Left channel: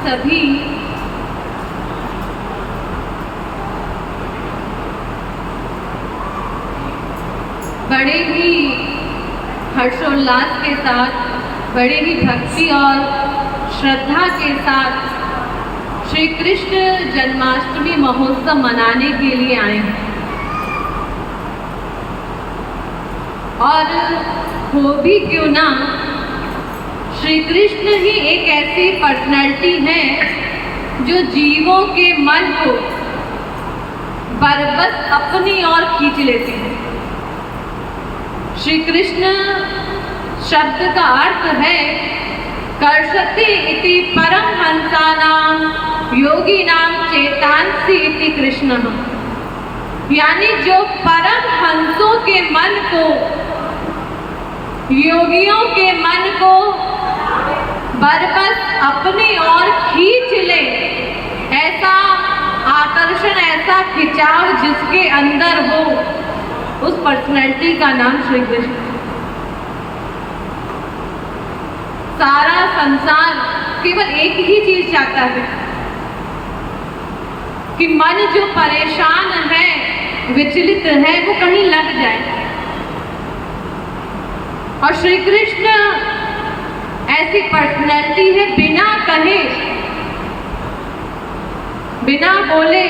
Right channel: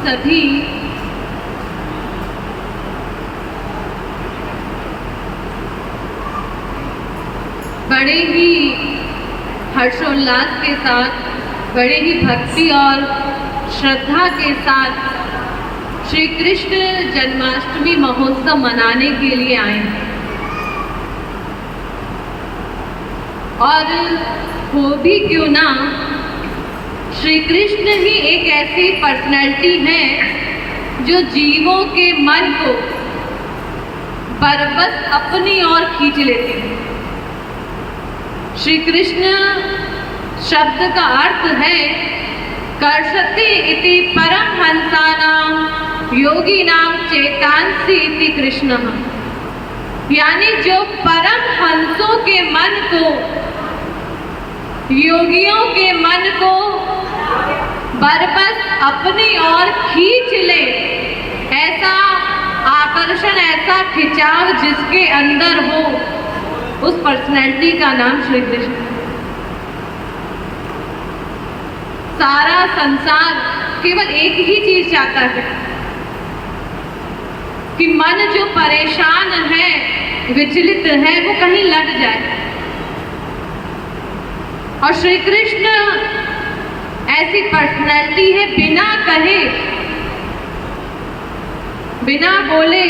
सभी बड़े ही हर्षोल्लास के साथ, बड़े ही भक्ति और श्रद्धा के साथ श्री कृष्ण जन्माष्टमी महोत्सव मनाने के लिए आए हैं। और वो भी क्यों ना, श्री कृष्ण ही एक ऐसी पर्सनैलिटी है जो जीवों के मन को बरबस अपनी ओर खींच लेती है। श्री कृष्ण शब्द का अर्थ है कर्षति इति परम हंसानाम योगिनाम चेतांसी इति कृष्ण, यानी जो परम हंसों के मन को, योगियों के मन को बरबस अपनी ओर खींच ले, ऐसा आकर्षण, ऐसा खिंचाव जिसके अंदर हो, उस पर्सनैलिटी का नाम श्री कृष्ण। सारा संसार केवल एक ही चीज चाहता है कि मन जो परेशान है, विचलित है, वो कहीं लग जाए। और श्री कृष्ण ऐसी पर्सनैलिटी है, बिना कहे, बिना बोले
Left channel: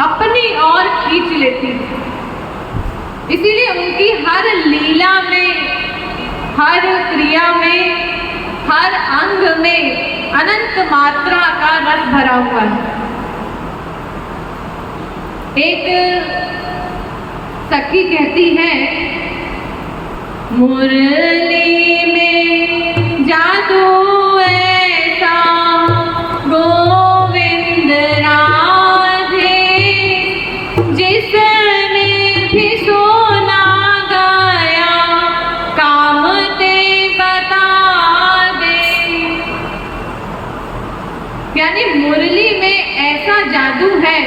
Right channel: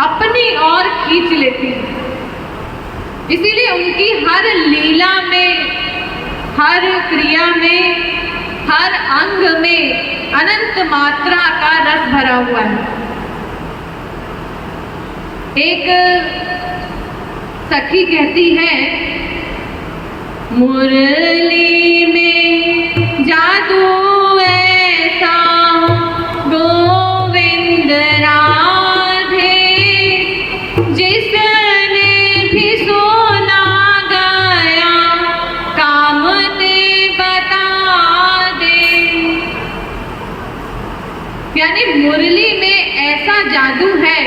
अपनी ओर खींच लेती है। इसीलिए उनकी हर लीला में, हर क्रिया में, हर अंग में अनंत मात्रा का रस भरा हुआ है। एक सखी कहती है, मुरली में जादू ऐसा गोविंद राधे, जिसने भी सुना गया काम दे बता दे। यानी मुरली में ऐसा जादू है।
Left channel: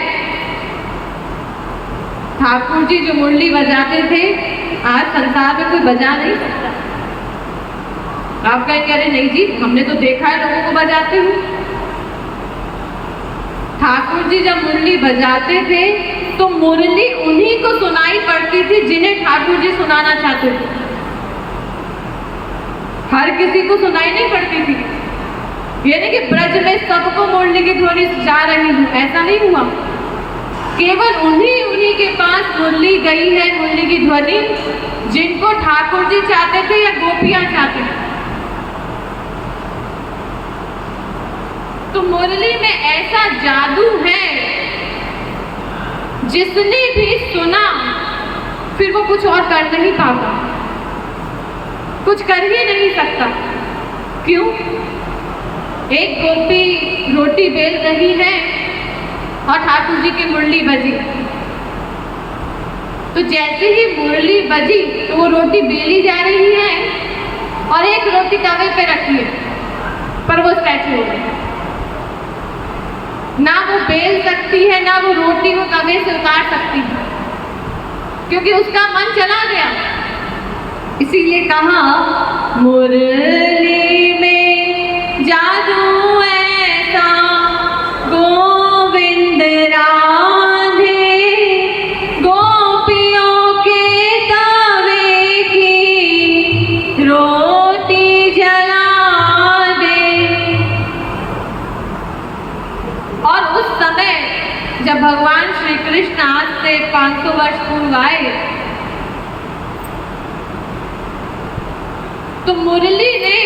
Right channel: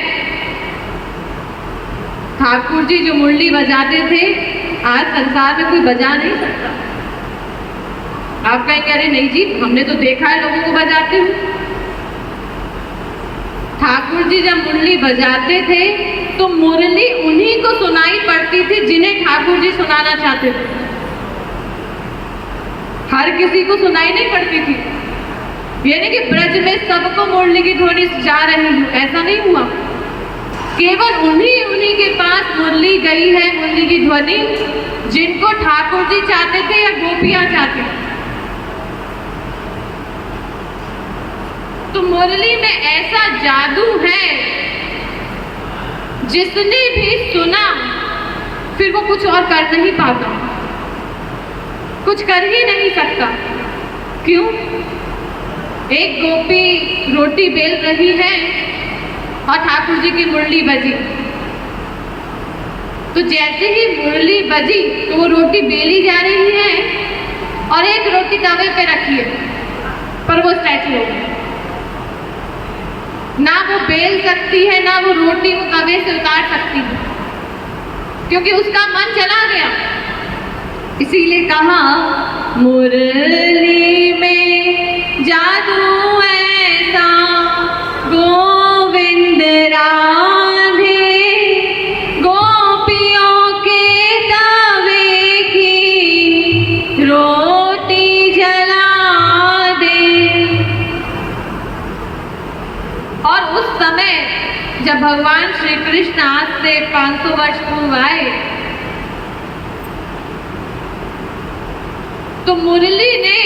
ठाकुर जी जो मुरली बजाते थे, आज संसार में कोई बजा नहीं सकता। आप कह रहे नहीं जी, हमने तो देखा है लोगों को बजाते हुए। ठाकुर जी जब मुरली बजाते थे तो मुरली उन्हीं को सुनाई पड़ती थी जिन्हें ठाकुर जी सुनाना चाहते थे। हर किसी को सुनाई नहीं पड़ती थी। यानी कि ब्रज में सबको मुरली की ध्वनि जा रही है, ऐसा नहीं हुआ। केवल उन्हीं के पास मुरली गई है, मुरली की ध्वनि, जिनको ठाकुर जी चाहते थे या गोपियां चाहते थे। तो मुरली में ऐसा जादू है, जिसने भी सुना फिर वो कुछ और कर नहीं पाता, कुछ कर ही नहीं सकता। क्यों? एक गोपी रोटी बेल रही है और ठाकुर जी की मुरली बजी, तो जैसे ही मुरली बजी तो वो रोटी बेली जा रही है और एक रोटी तवे पे रखी है, पर वो स्टैचू हो गई। ना वो बेल सकती है, ना वो रोटी वो तवे से उतार सकती है, क्योंकि उसका मन चला गया। इसीलिए कहा, मुरली में जादू ऐसा गोविंद राधे, गोपियों के तवे की रोटी जला दे। और उस समय जब भगवान श्री कृष्ण आज से 500 वर्ष पूर्व आए, तो मुरली ने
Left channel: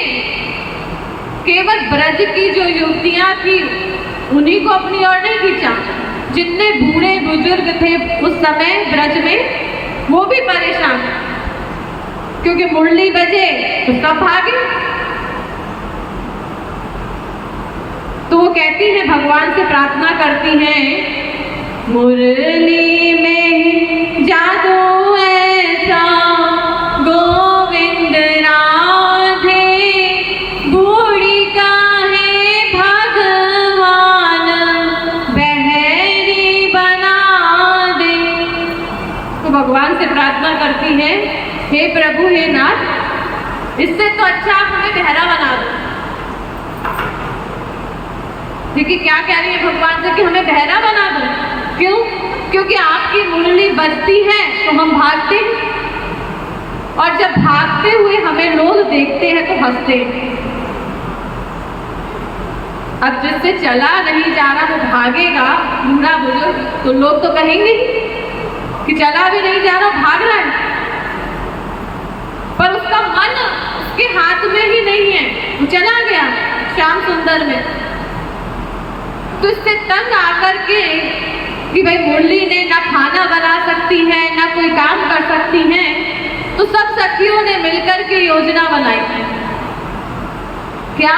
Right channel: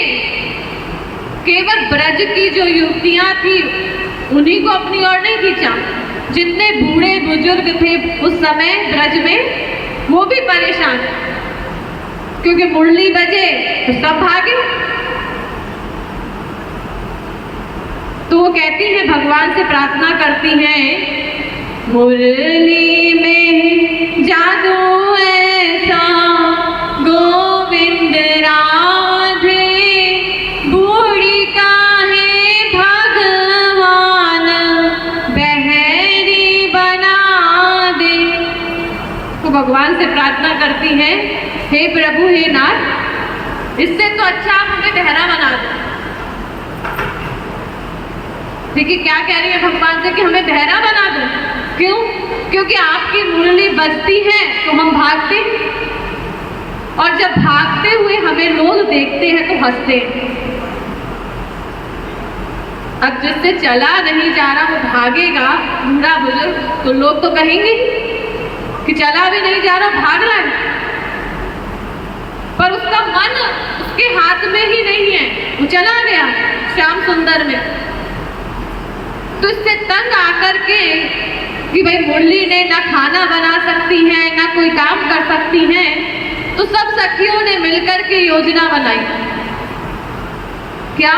केवल ब्रज की जो युवतियां थी उन्हीं को अपनी ओर नहीं खींचा। जितने बूढ़े बुजुर्ग थे उस समय ब्रज में, वो भी परेशान, क्योंकि मुरली बजे तो सब भागे। तो वो कहती है, भगवान से प्रार्थना करती हैं, मुरली में जादू ऐसा गोविंद राधे, बूढ़ी काहे भगवान बहरी बना दे। तो भगवान से प्रार्थना करती है, हे प्रभु, हे नाथ, इससे तो अच्छा आप हमें बहरा बना दो। देखिए क्या कह रही है भगवान से कि हमें बहरा बना दो। क्यों? क्योंकि आपकी मुरली बजती है तो हम भागते हैं, और जब भागते हुए हमें लोग देखते हैं तो हंसते हैं। अब जिससे चला नहीं जा रहा वो भागेगा, बूढ़ा बुजुर्ग, तो लोग तो कहेंगे कि चला भी नहीं जा रहा, भाग रहा है, पर उसका मन उसके हाथ में ही नहीं है, वो चला गया श्याम सुंदर में। तो इससे तंग आकर के कि भाई मुरली ने ना खाना बना सकती है ना कोई काम कर सकती है, तो सब सखियों ने मिलकर के योजना बनाई। क्या?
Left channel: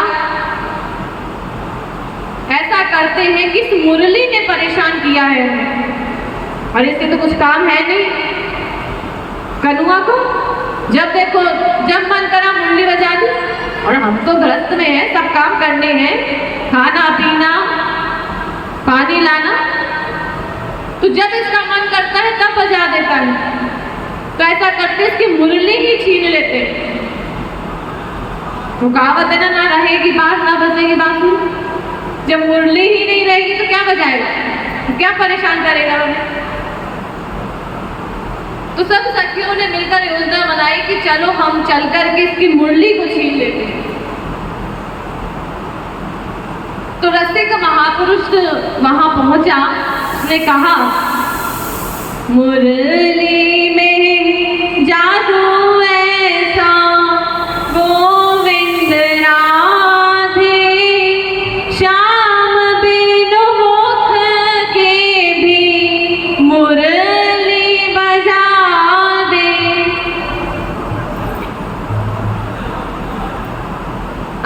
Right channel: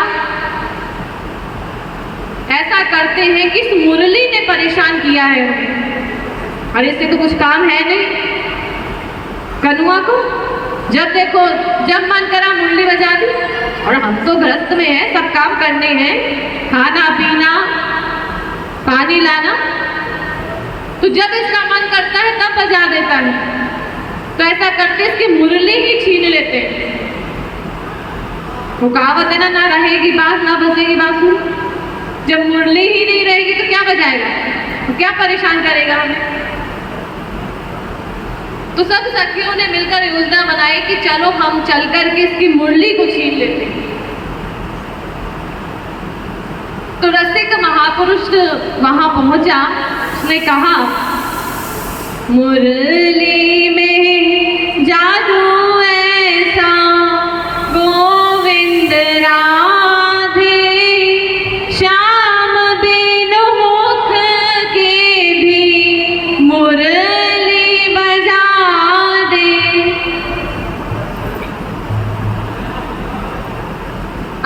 ऐसा करते हैं कि इस मुरली ने परेशान किया है हमें, और इससे तो कुछ काम है नहीं। कनुआ को जब देखो जब मन करा मुरली बजा दी, और हम तो गृहस्थ में हैं, सब काम करने हैं, खाना पीना पानी लाना, तो जब इसका मन करता है तब बजा देता है। तो ऐसा करते इसकी मुरली ही छीन लेते। वो कहावत है ना रहेगी बांस ना बजेगी बांसुरी। जब मुरली ही नहीं रहेगी तो क्या बजाएगा, तो क्या परेशान करेगा हमें। तो सब सखियों ने मिलकर योजना बनाई कि चलो हम चल करके इसकी मुरली को छीन लेते हैं। तो रसिक महापुरुष वहां पहुंचा, उसने कहा मुरली में जादू ऐसा गोविंद राधे, श्याम बिनु मुख के भी मुरली बजा दे।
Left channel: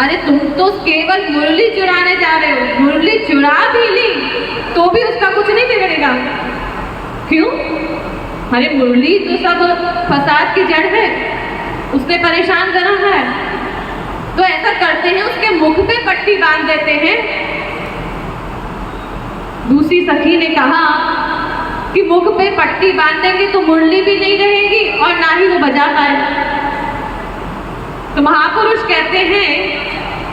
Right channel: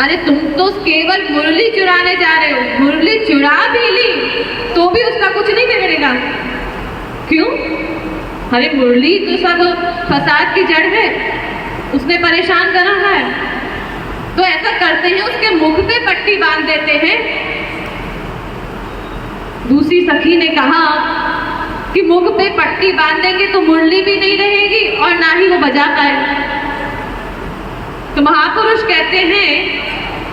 अरे तुम तो केवल मुरली चुराने जा रहे हो, मुरली चुरा भी ली तो भी उसका कुछ नहीं बिगड़ेगा। क्यों? अरे मुरली तो सब फसाद की जड़ है, उसने परेशान करा है। तो ऐसा करते हैं उसके मुख पे पट्टी बांध देते हैं। दूसरी सखी ने कहा कि मुख पे पट्टी बांधेंगे तो मुरली भी नहीं रहेगी और ना ही वो बजा पाएगा। तो महापुरुष कहते हैं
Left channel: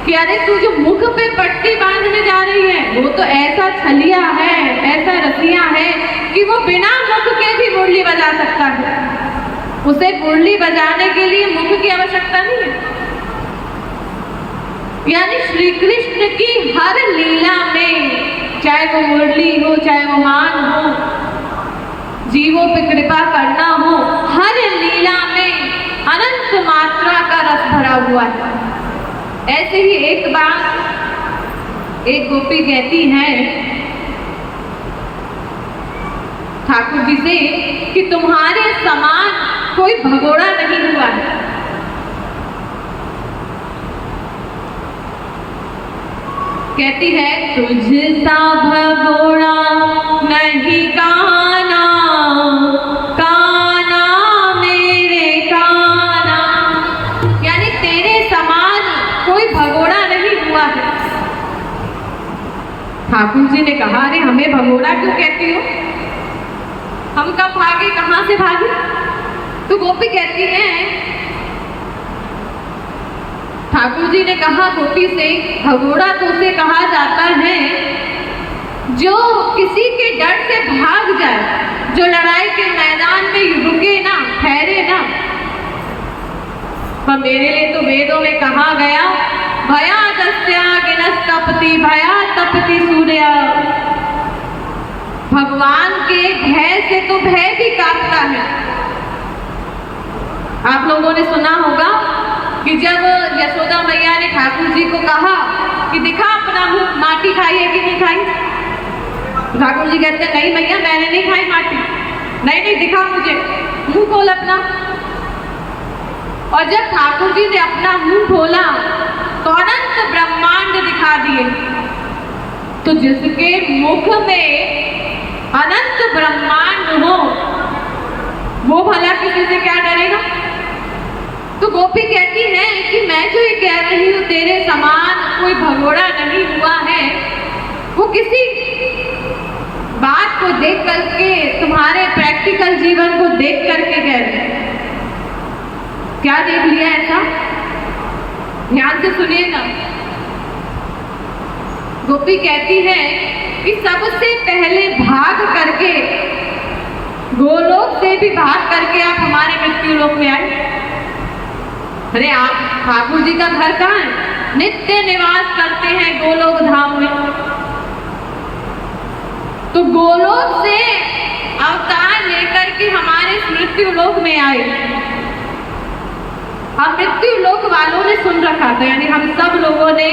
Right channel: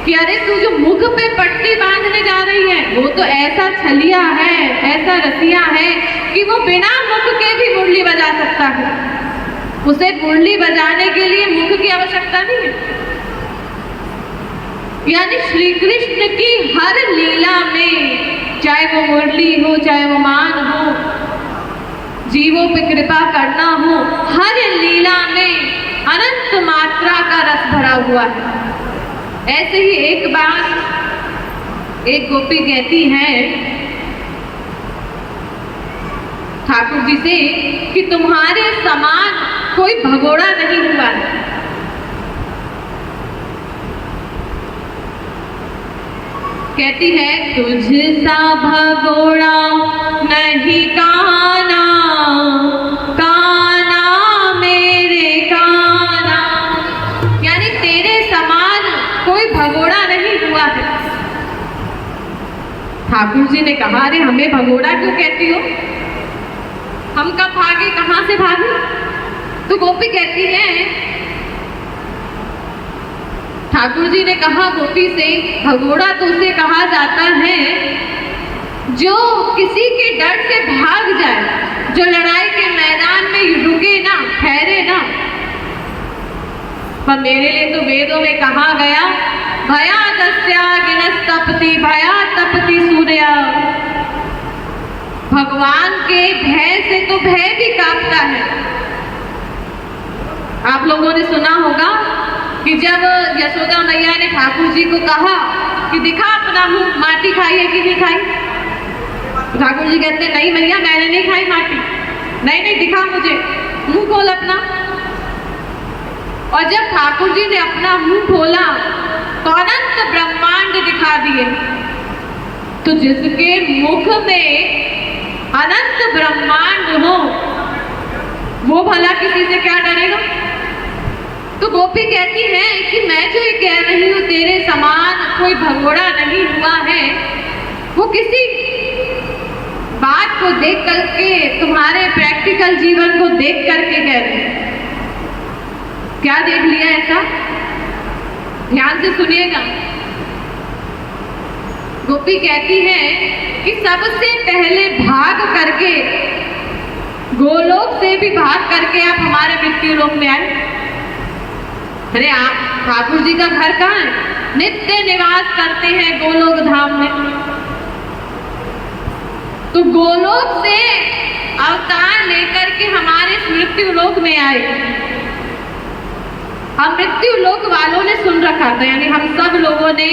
कि अरे तू जो मुख पे पट्टी बांधने जा रही है वो तो ऐसा छलिया है, ऐसा रसिया है कि वो बिना मुख के भी मुरली बजा सकता है। उसे मुरली बजाने के लिए मुख की आवश्यकता नहीं है। यानी श्री कृष्ण की हर लीला में, चाहे वो मुरली हो चाहे वो मान हो, जीवों पे कृपा करना हो, हर लीला में अनंत मात्रा का रस भरा हुआ है। ऐसे ही एक बार एक गोपी कहती है ठाकुर जी से कि तुम्हारे समान कोई भगोड़ा नहीं हुआ है। कहती है तुझसा भगोड़ा नहीं काना, काना मेरे काना। यानी तेरे समान कोई भगोड़ा नहीं हुआ है। ठाकुर जी ने कहा अरे हमें भगोड़ा क्यों कहती हो, हम कब भागे, कहां से भागे। तो गोपी कहती है, ठाकुर जी ने कहा गोपी से भगोड़ा तो उसे कहा जाता है जो किसी के डर से भाग जाए, जो लड़ाई के मैदान में रुके ना, ठहरे ना। पर मेरे लिए तो वेदों में कहा गया भया दस्या गिनस्तपति भया तपति सूर्या। भगवान के भय से तो भय भी कांपता है। आप लोगों ने सुना होगा कि जब यशोदा मैया ने ठाकुर जी को कहा कि दिखा अपना मुंह, माटी खाई है कि नहीं खाई। ठाकुर जी कहते नहीं मैया मैंने नहीं खाई माटी। नहीं नहीं दिखा मुझे, मुंह खोल अपना। और जब ठाकुर जी ने अपना मुंह खोला तो अनंत ब्रह्मांड दिखा दिए। तो जिसके मुख में अनंत ब्रह्मांड हो वो भला किसी से क्या डरेगा। तो गोपी कहती है कि मैं जो ये कह रही हूँ तेरे समान कोई भगोड़ा नहीं हुआ है, वो किसी बात को देख करके, तुम्हारे प्रैक्टिकल जीवन को देख करके कह रही है। क्या देख लिया ऐसा? ध्यान से सुनिएगा। गोपी कहती है कि सबसे पहले भाग करके, गोलोक से भी भाग करके आप हमारे मृत्यु लोक में आए। अरे आप ठाकुर जी का घर कहाँ है? नित्य निवास करते हैं गोलोक धाम में। तो गोलोक से अवतार लेकर के हमारे मृत्यु लोक में आए। हम मृत्यु लोक वालों ने सुन रखा था, यानी हम सब लोगों ने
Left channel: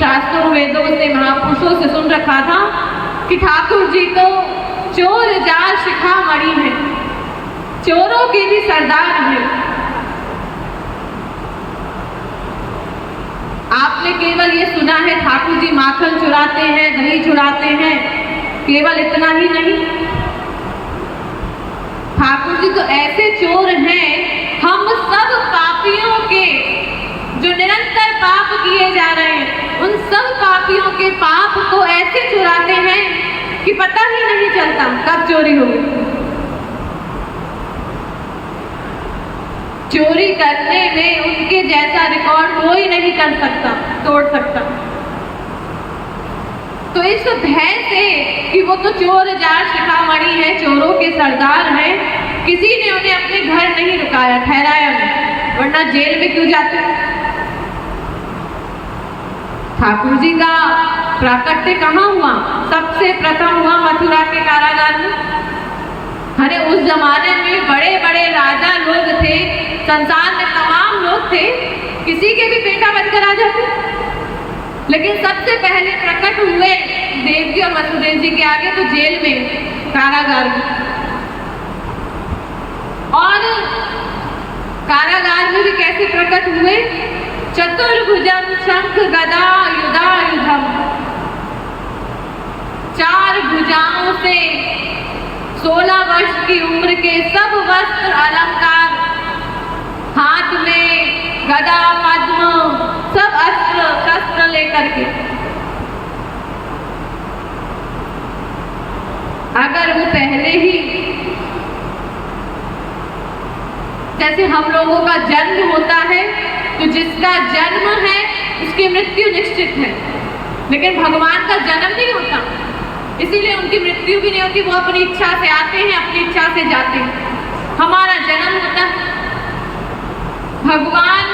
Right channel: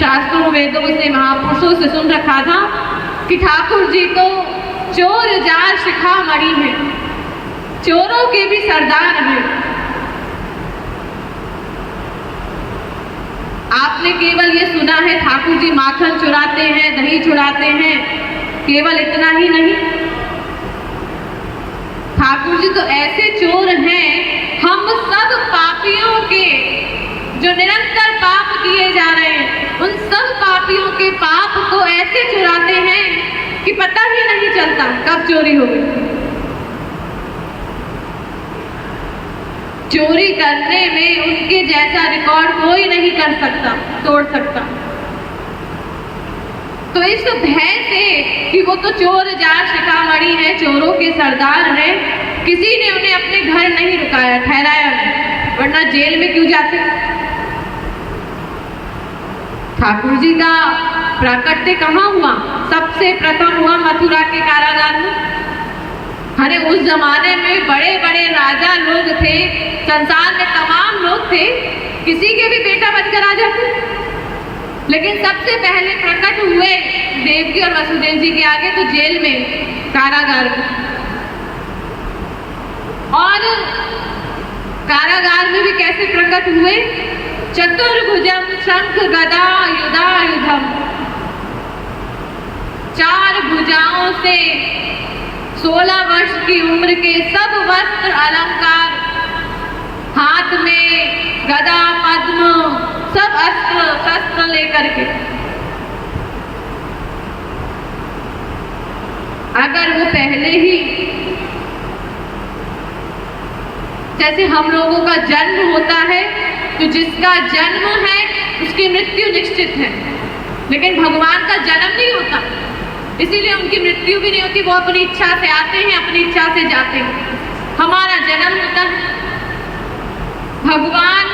शास्त्रों वेदों से महापुरुषों से सुन रखा था कि ठाकुर जी तो चोर जार शिखामणि है, चोरों के भी सरदार हैं। आपने केवल ये सुना है ठाकुर जी माखन चुराते हैं, दही चुराते हैं, केवल इतना ही नहीं, ठाकुर जी तो ऐसे चोर हैं, हम सब पापियों के जो निरंतर पाप किए जा रहे हैं, उन सब पापियों के पाप को ऐसे चुराते हैं कि पता ही नहीं चलता कब चोरी हो गई। चोरी करने में उनके जैसा रिकॉर्ड कोई नहीं कर सकता, तोड़ सकता। तो इस भय से कि वो तो चोर जार शिखामणि है, चोरों के सरदार हैं, किसी ने उन्हें अपने घर नहीं रुकाया, ठहराया नहीं, वरना जेल में क्यों जाते। ठाकुर जी का प्राकट्य कहाँ हुआ? सबसे प्रथम हुआ मथुरा के कारागार में। अरे उस जमाने में बड़े बड़े राजा लोग थे, संसार में तमाम लोग थे, किसी के भी बेटा बनकर आ जाते, लेकिन सबसे पहले प्रकट हुए देवकी और वसुदेव जी के आगे तो जेल में, कारागार में। और कारागार में भी कैसे प्रकट हुए? चतुर्भुजम शंख गदा युधायुधम, चार भुजाओं से 16 वर्ष की उम्र के सब वस्त्र अलंकार, हाथ में गदा पद्म, सब अस्त्र शस्त्र लेकर के। अगर वो पहले ही, जैसे हम लोगों का जन्म होता है तो जिसका जन्म है उसकी मृत्यु निश्चित है, लेकिन भगवान का जन्म नहीं होता, इसीलिए उनकी मृत्यु भी नहीं होती। वो अपनी इच्छा से आते हैं, अपनी इच्छा से जाते हैं। हमारा जन्म होता है। भगवान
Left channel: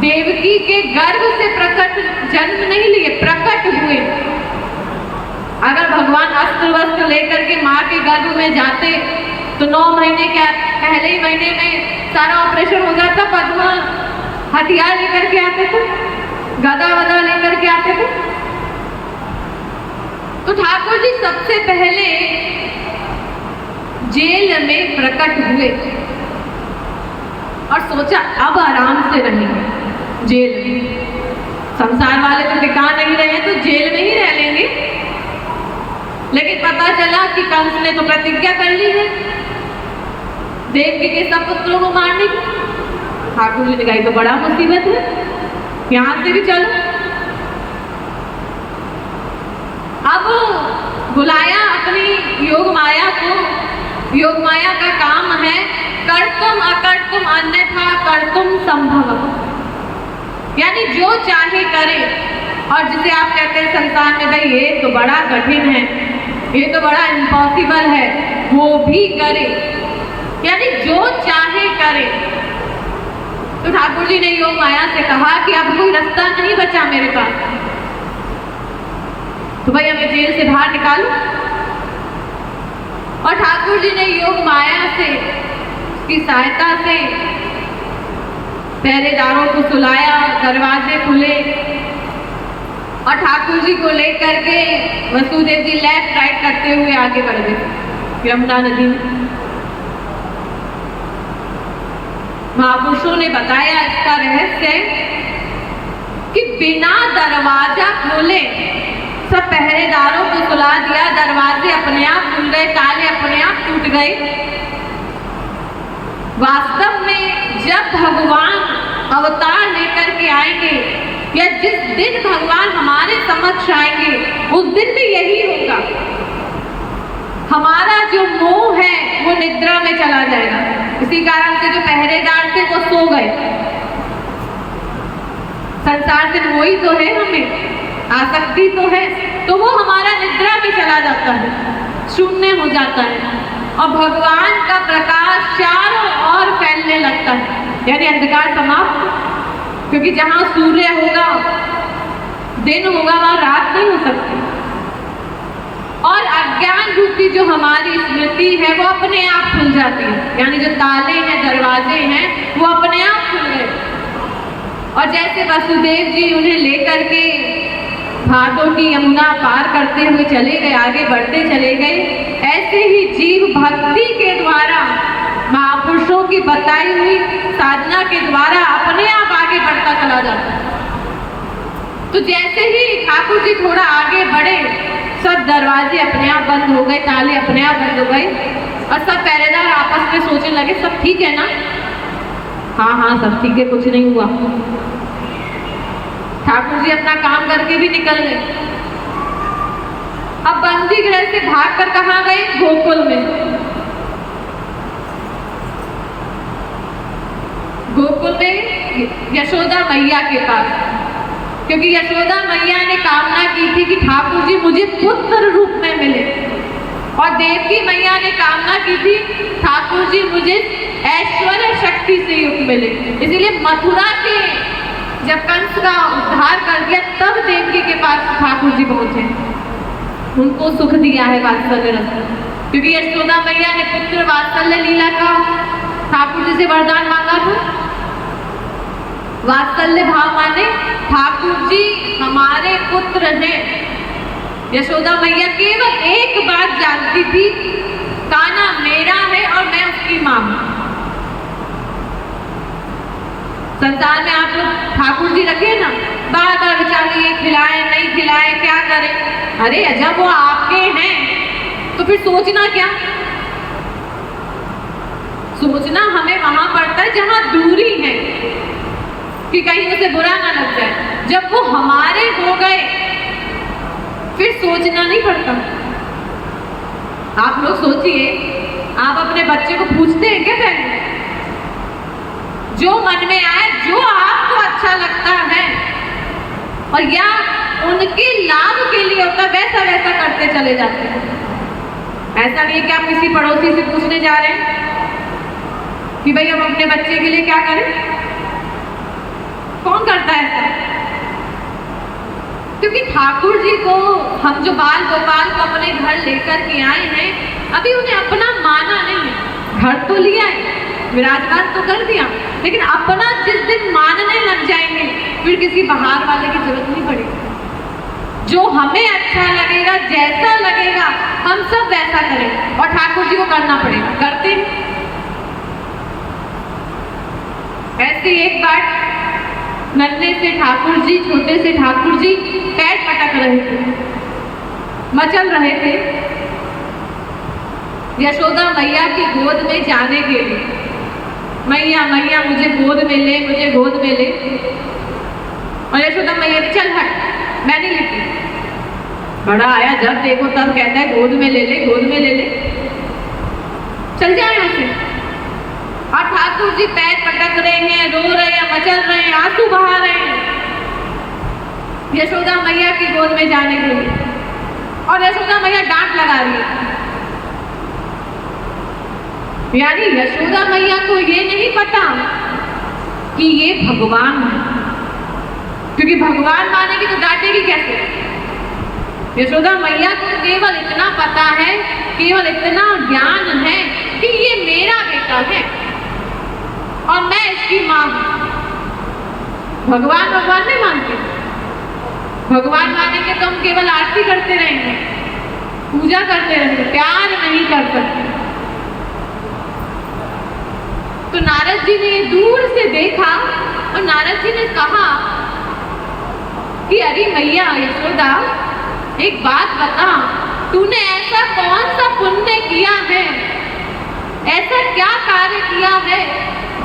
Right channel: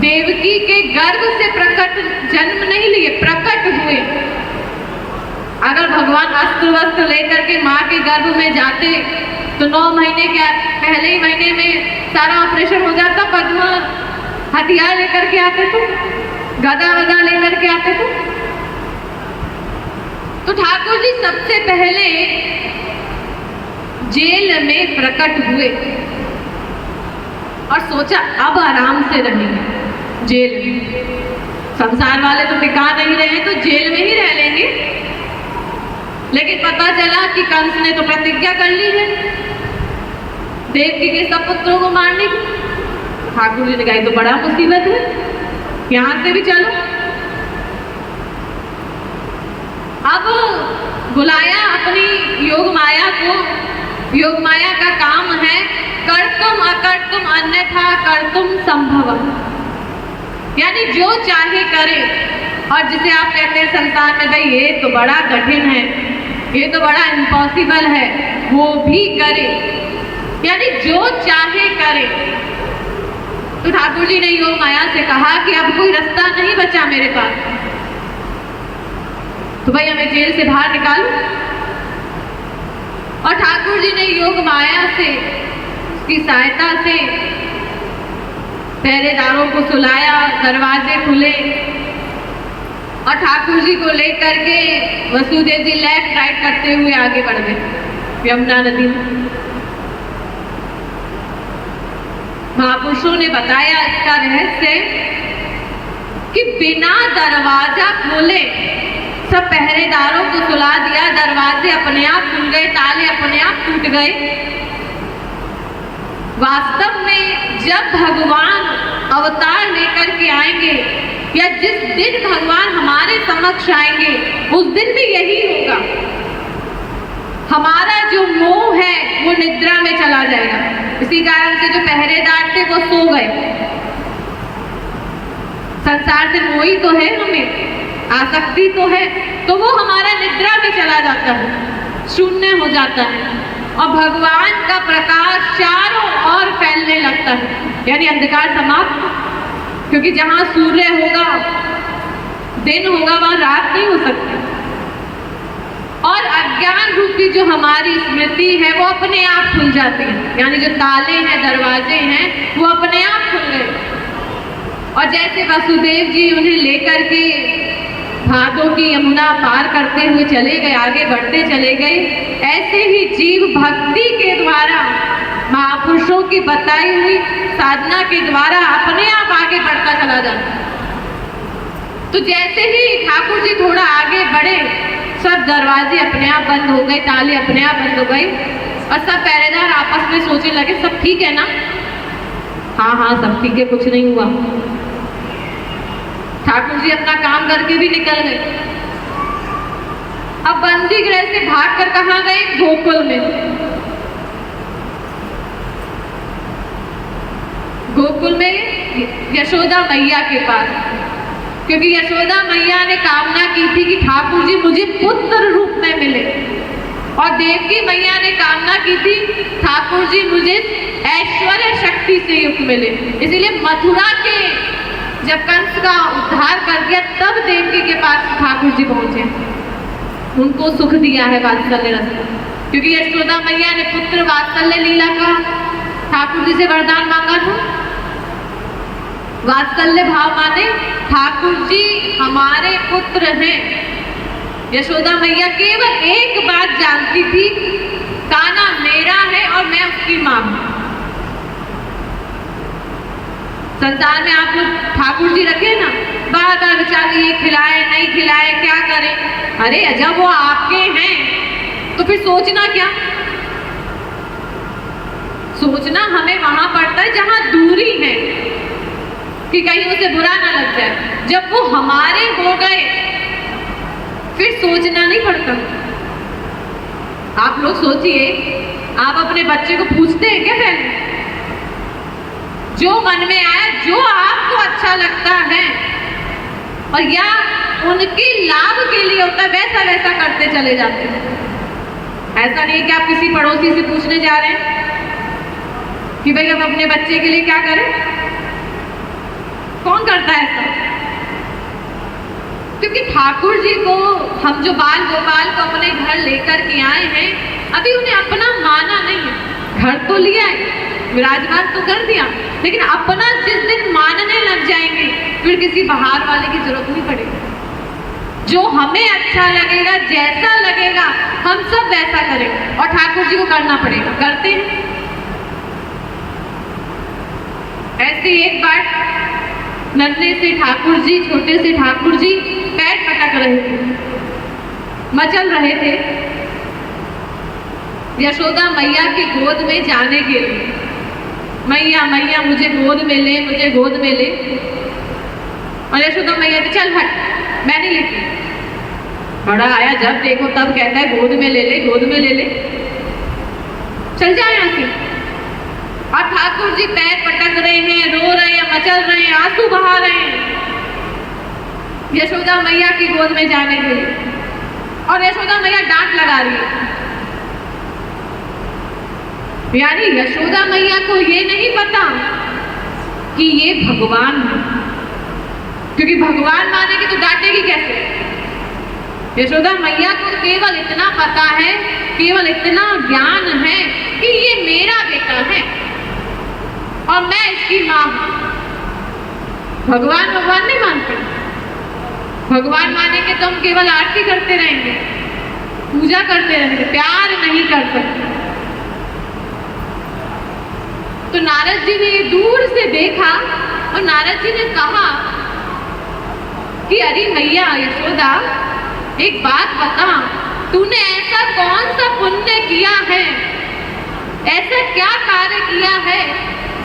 देवकी के गर्भ से प्रकट जन्म नहीं लिए, प्रकट हुए। अगर भगवान अस्त्र वस्त्र लेकर के माँ के गर्भ में जाते तो 9 महीने के पहले ही महीने में सारा ऑपरेशन हो जाता। पद्म हथियार लेकर के आते थे, गदा वदा लेकर के आते थे। तो ठाकुर जी सबसे पहले जेल में प्रकट हुए और सोचा अब आराम से रहेंगे जेल में। संसार वाले तो टिका नहीं रहे तो जेल में ही रह लेंगे, लेकिन पता चला कि कंस ने तो प्रतिज्ञा कर ली है देवकी के सब पुत्रों को मारने की। ठाकुर जी ने कहा तो बड़ा मुसीबत है, यहां से भी चलो। अब बुलाया अपनी योग माया को। योग माया का काम है कर्तुम अकर्तुम अन्यथा कर्तुम संभव, यानी जो चाहे करे। और जिसे आप कहते हैं संसार में भाई ये तो बड़ा कठिन है, ये तो बड़ा इम्पॉसिबल है, वो भी करे, यानी जो चाहे करे। तो ठाकुर जी ने योग माया से कहा कि अब कोई रास्ता नहीं बचा मेरे पास, तो भाई हमें जेल से बाहर निकालो। और ठाकुर जी ने योग माया से, उसकी सहायता से पहरेदारों को सुलाया, दरवाजे खुले और ठाकुर जी को लेकर के वसुदेव जी लेफ्ट राइट करते हुए आगे बढ़ गए यमुना नदी में। महापुरुषों ने बताया इसका रहस्य कि बिना दरवाजा खोले सब पहरेदारों को सुला दिया, दरवाजे अपने आप खुल गए, ताले अपने आप टूट गए। वास्तव में जब भगवान अवतार लेकर के आएंगे या जिस दिन भगवान हमारे समक्ष आएंगे उस दिन भी यही होगा। हमारा जो मोह है वो निद्रा में चला जाएगा। इसी कारण से जो पहरेदार थे वो सो गए। संसार से मोह ही तो है हमें, आसक्त आसक्ति तो है, तो वो हमारा निद्रा में चला जाता है, शून्य हो जाता है और भगवान का प्रकाश चारों ओर फैलने लगता है, यानी अंधकार समाप्त। क्योंकि जहां सूर्य होगा, दिन होगा, वहां रात नहीं हो सकती। और अज्ञान रूपी जो हमारी स्मृति है वो अपने आप खुल जाती है, यानी जो ताले हैं, दरवाजे हैं, वो अपने आप खुल गए। और जैसे वसुदेव जी उन्हें लेकर के भादों की यमुना पार करते हुए चले गए, आगे बढ़ते चले गए, ऐसे ही जीव भक्ति के द्वारा, महापुरुषों की बताई हुई साधना के द्वारा अपने आप आगे बढ़ता चला जाता है। तो जैसे ही ठाकुर जी थोड़ा आगे बढ़े, सब दरवाजे अपने आप बंद हो गए, ताले अपने आप बंद हो गए और सब पहरेदार आपस में सोचने लगे सब ठीक है ना? हाँ हाँ सब ठीक है, कुछ नहीं हुआ। ठाकुर जी अपना काम करके भी निकल गए। अब बंदी गृह से भागकर कहाँ गए? गोकुल में। गोकुल में यशोदा मैया के पास, क्योंकि यशोदा मैया ने कामना की थी कि ठाकुर जी मुझे पुत्र रूप में मिले, और देवकी मैया ने कामना की थी ठाकुर जी मुझे ऐश्वर्य शक्ति से युक्त मिले। इसीलिए मथुरा के जब कंस का उद्धार कर दिया, तब देवकी के पास ठाकुर जी पहुंचे, उनको सुख दिया है वात्सल्य रस। क्योंकि यशोदा मैया ने पुत्र वात्सल्य लीला का ठाकुर जी से वरदान मांगा था। वात्सल्य भाव माने ठाकुर जी हमारे पुत्र हैं। यशोदा मैया केवल एक बात जानती थी, कान्हा मेरा है और मैं उसकी मां हूं। संसार में आप लोग ठाकुर जी रखे ना, बार बार बेचारे ये खिलाए नहीं खिलाए क्या करें। अरे जब वो आपके हैं तो फिर सोचना क्या? सोचना हमें वहां पड़ता है जहां दूरी है, कि कहीं उसे बुरा ना लग जाए। जब वो हमारे हो गए फिर सोचना नहीं पड़ता। आप लोग सोचिए, आप अपने बच्चे को पूछते हैं क्या पहले? जो मन में आए, जो आपको अच्छा लगता है और या उनके लाभ के लिए होता है, वैसा वैसा करते चले जाते हैं। ऐसा नहीं कि आप किसी पड़ोसी से पूछने जा रहे हैं कि भाई हम अपने बच्चे के लिए क्या करें। कौन करता है ऐसा? क्योंकि ठाकुर जी को हम जो बाल गोपाल को अपने घर लेकर के आए हैं, अभी उन्हें अपना माना नहीं है। घर तो लिया है, विराजमान तो कर दिया, लेकिन अपना जिस दिन मानने लग जाएंगे फिर किसी बाहर वाले की जरूरत नहीं पड़ेगी। जो हमें अच्छा लगेगा, जैसा लगेगा, हम सब वैसा करें, और ठाकुर जी को करना पड़ेगा। करते हैं। ऐसे एक बार नन्हे से ठाकुर जी, छोटे से ठाकुर जी पैर पटक रहे थे, मचल रहे थे यशोदा मैया की गोद में जाने के लिए। मैया मैया मुझे गोद में ले, मुझे गोद में ले। और यशोदा मैया ने चल हट, मैं नहीं लेती। बड़ा आया जब देखो तब कहता है गोद में ले ले, गोद में ले ले, चल जाए यहाँ से। और ठाकुर जी पैर पटक रहे हैं, रो रहे हैं, मचल रहे हैं, आंसू बहा रहे हैं यशोदा मैया की गोद में जाने के लिए। और यशोदा मैया डांट लगा रही है, यानी यशोदा मैया को ये नहीं पता कि ये भगवान है, क्योंकि भगवान मानेगी तो डांटेगी कैसे। यशोदा मैया को केवल इतना पता है, केवल इतना ज्ञान है कि ये मेरा बेटा है और मैं इसकी मां हूं। भगवान भगवान नहीं मानते। भगवान मानेंगे तो हम केवल आरती करते रहेंगे, पूजा करते रहेंगे, प्यार नहीं कर सकते। तो नारद जी ने दूर से देखा और नारद जी ने कहा कि अरे मैया यशोदा, एक बात बता, तूने ऐसा कौन सा पुण्य किया है, ऐसा क्या कार्य किया है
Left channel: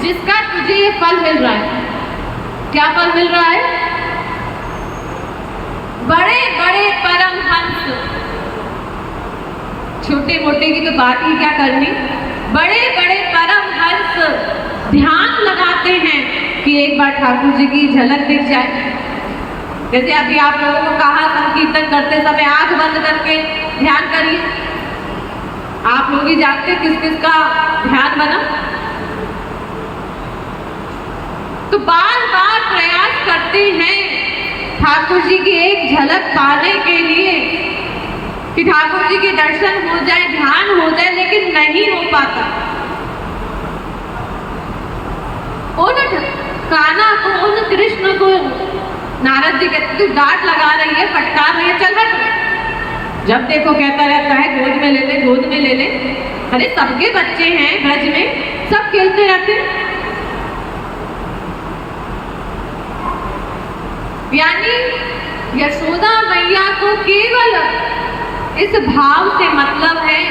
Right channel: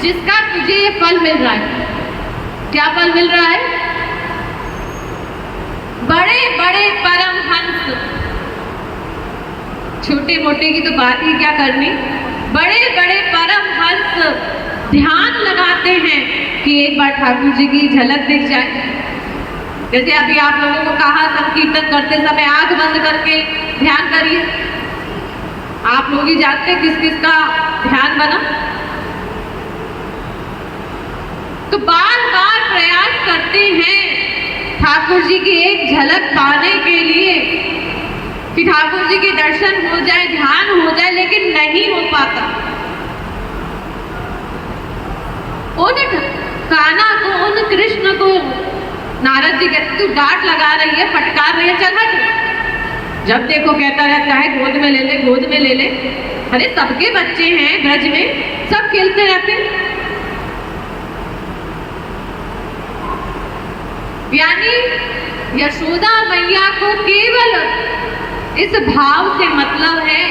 जिसका तुझे ये फल मिल रहा है? क्या फल मिल रहा है? बड़े बड़े परमहंस, छोटे मोटे की तो बात ही क्या करनी, बड़े बड़े परमहंस ध्यान लगाते हैं कि एक बार ठाकुर जी की झलक दिख जाए। जैसे अभी आप लोगों को कहा संकीर्तन करते समय आंख बंद करके ध्यान करिए। आप लोग ही जानते किस किस का ध्यान बना। तो बार बार प्रयास करते हैं ठाकुर जी की एक झलक पाने के लिए कि ठाकुर जी के दर्शन हो जाए, ध्यान हो जाए, लेकिन नहीं हो पाता। उन कान्हा को, उन कृष्ण को नारद जी कहते तू डांट लगा रही है, फटकार रही है, चल हट। जब देखो कहता रहता है गोद में ले ले, गोद में ले ले। अरे सबके बच्चे हैं ब्रज में, सब खेलते रहते। यानी यशोदा मैया को केवल इस भाव से मतलब है,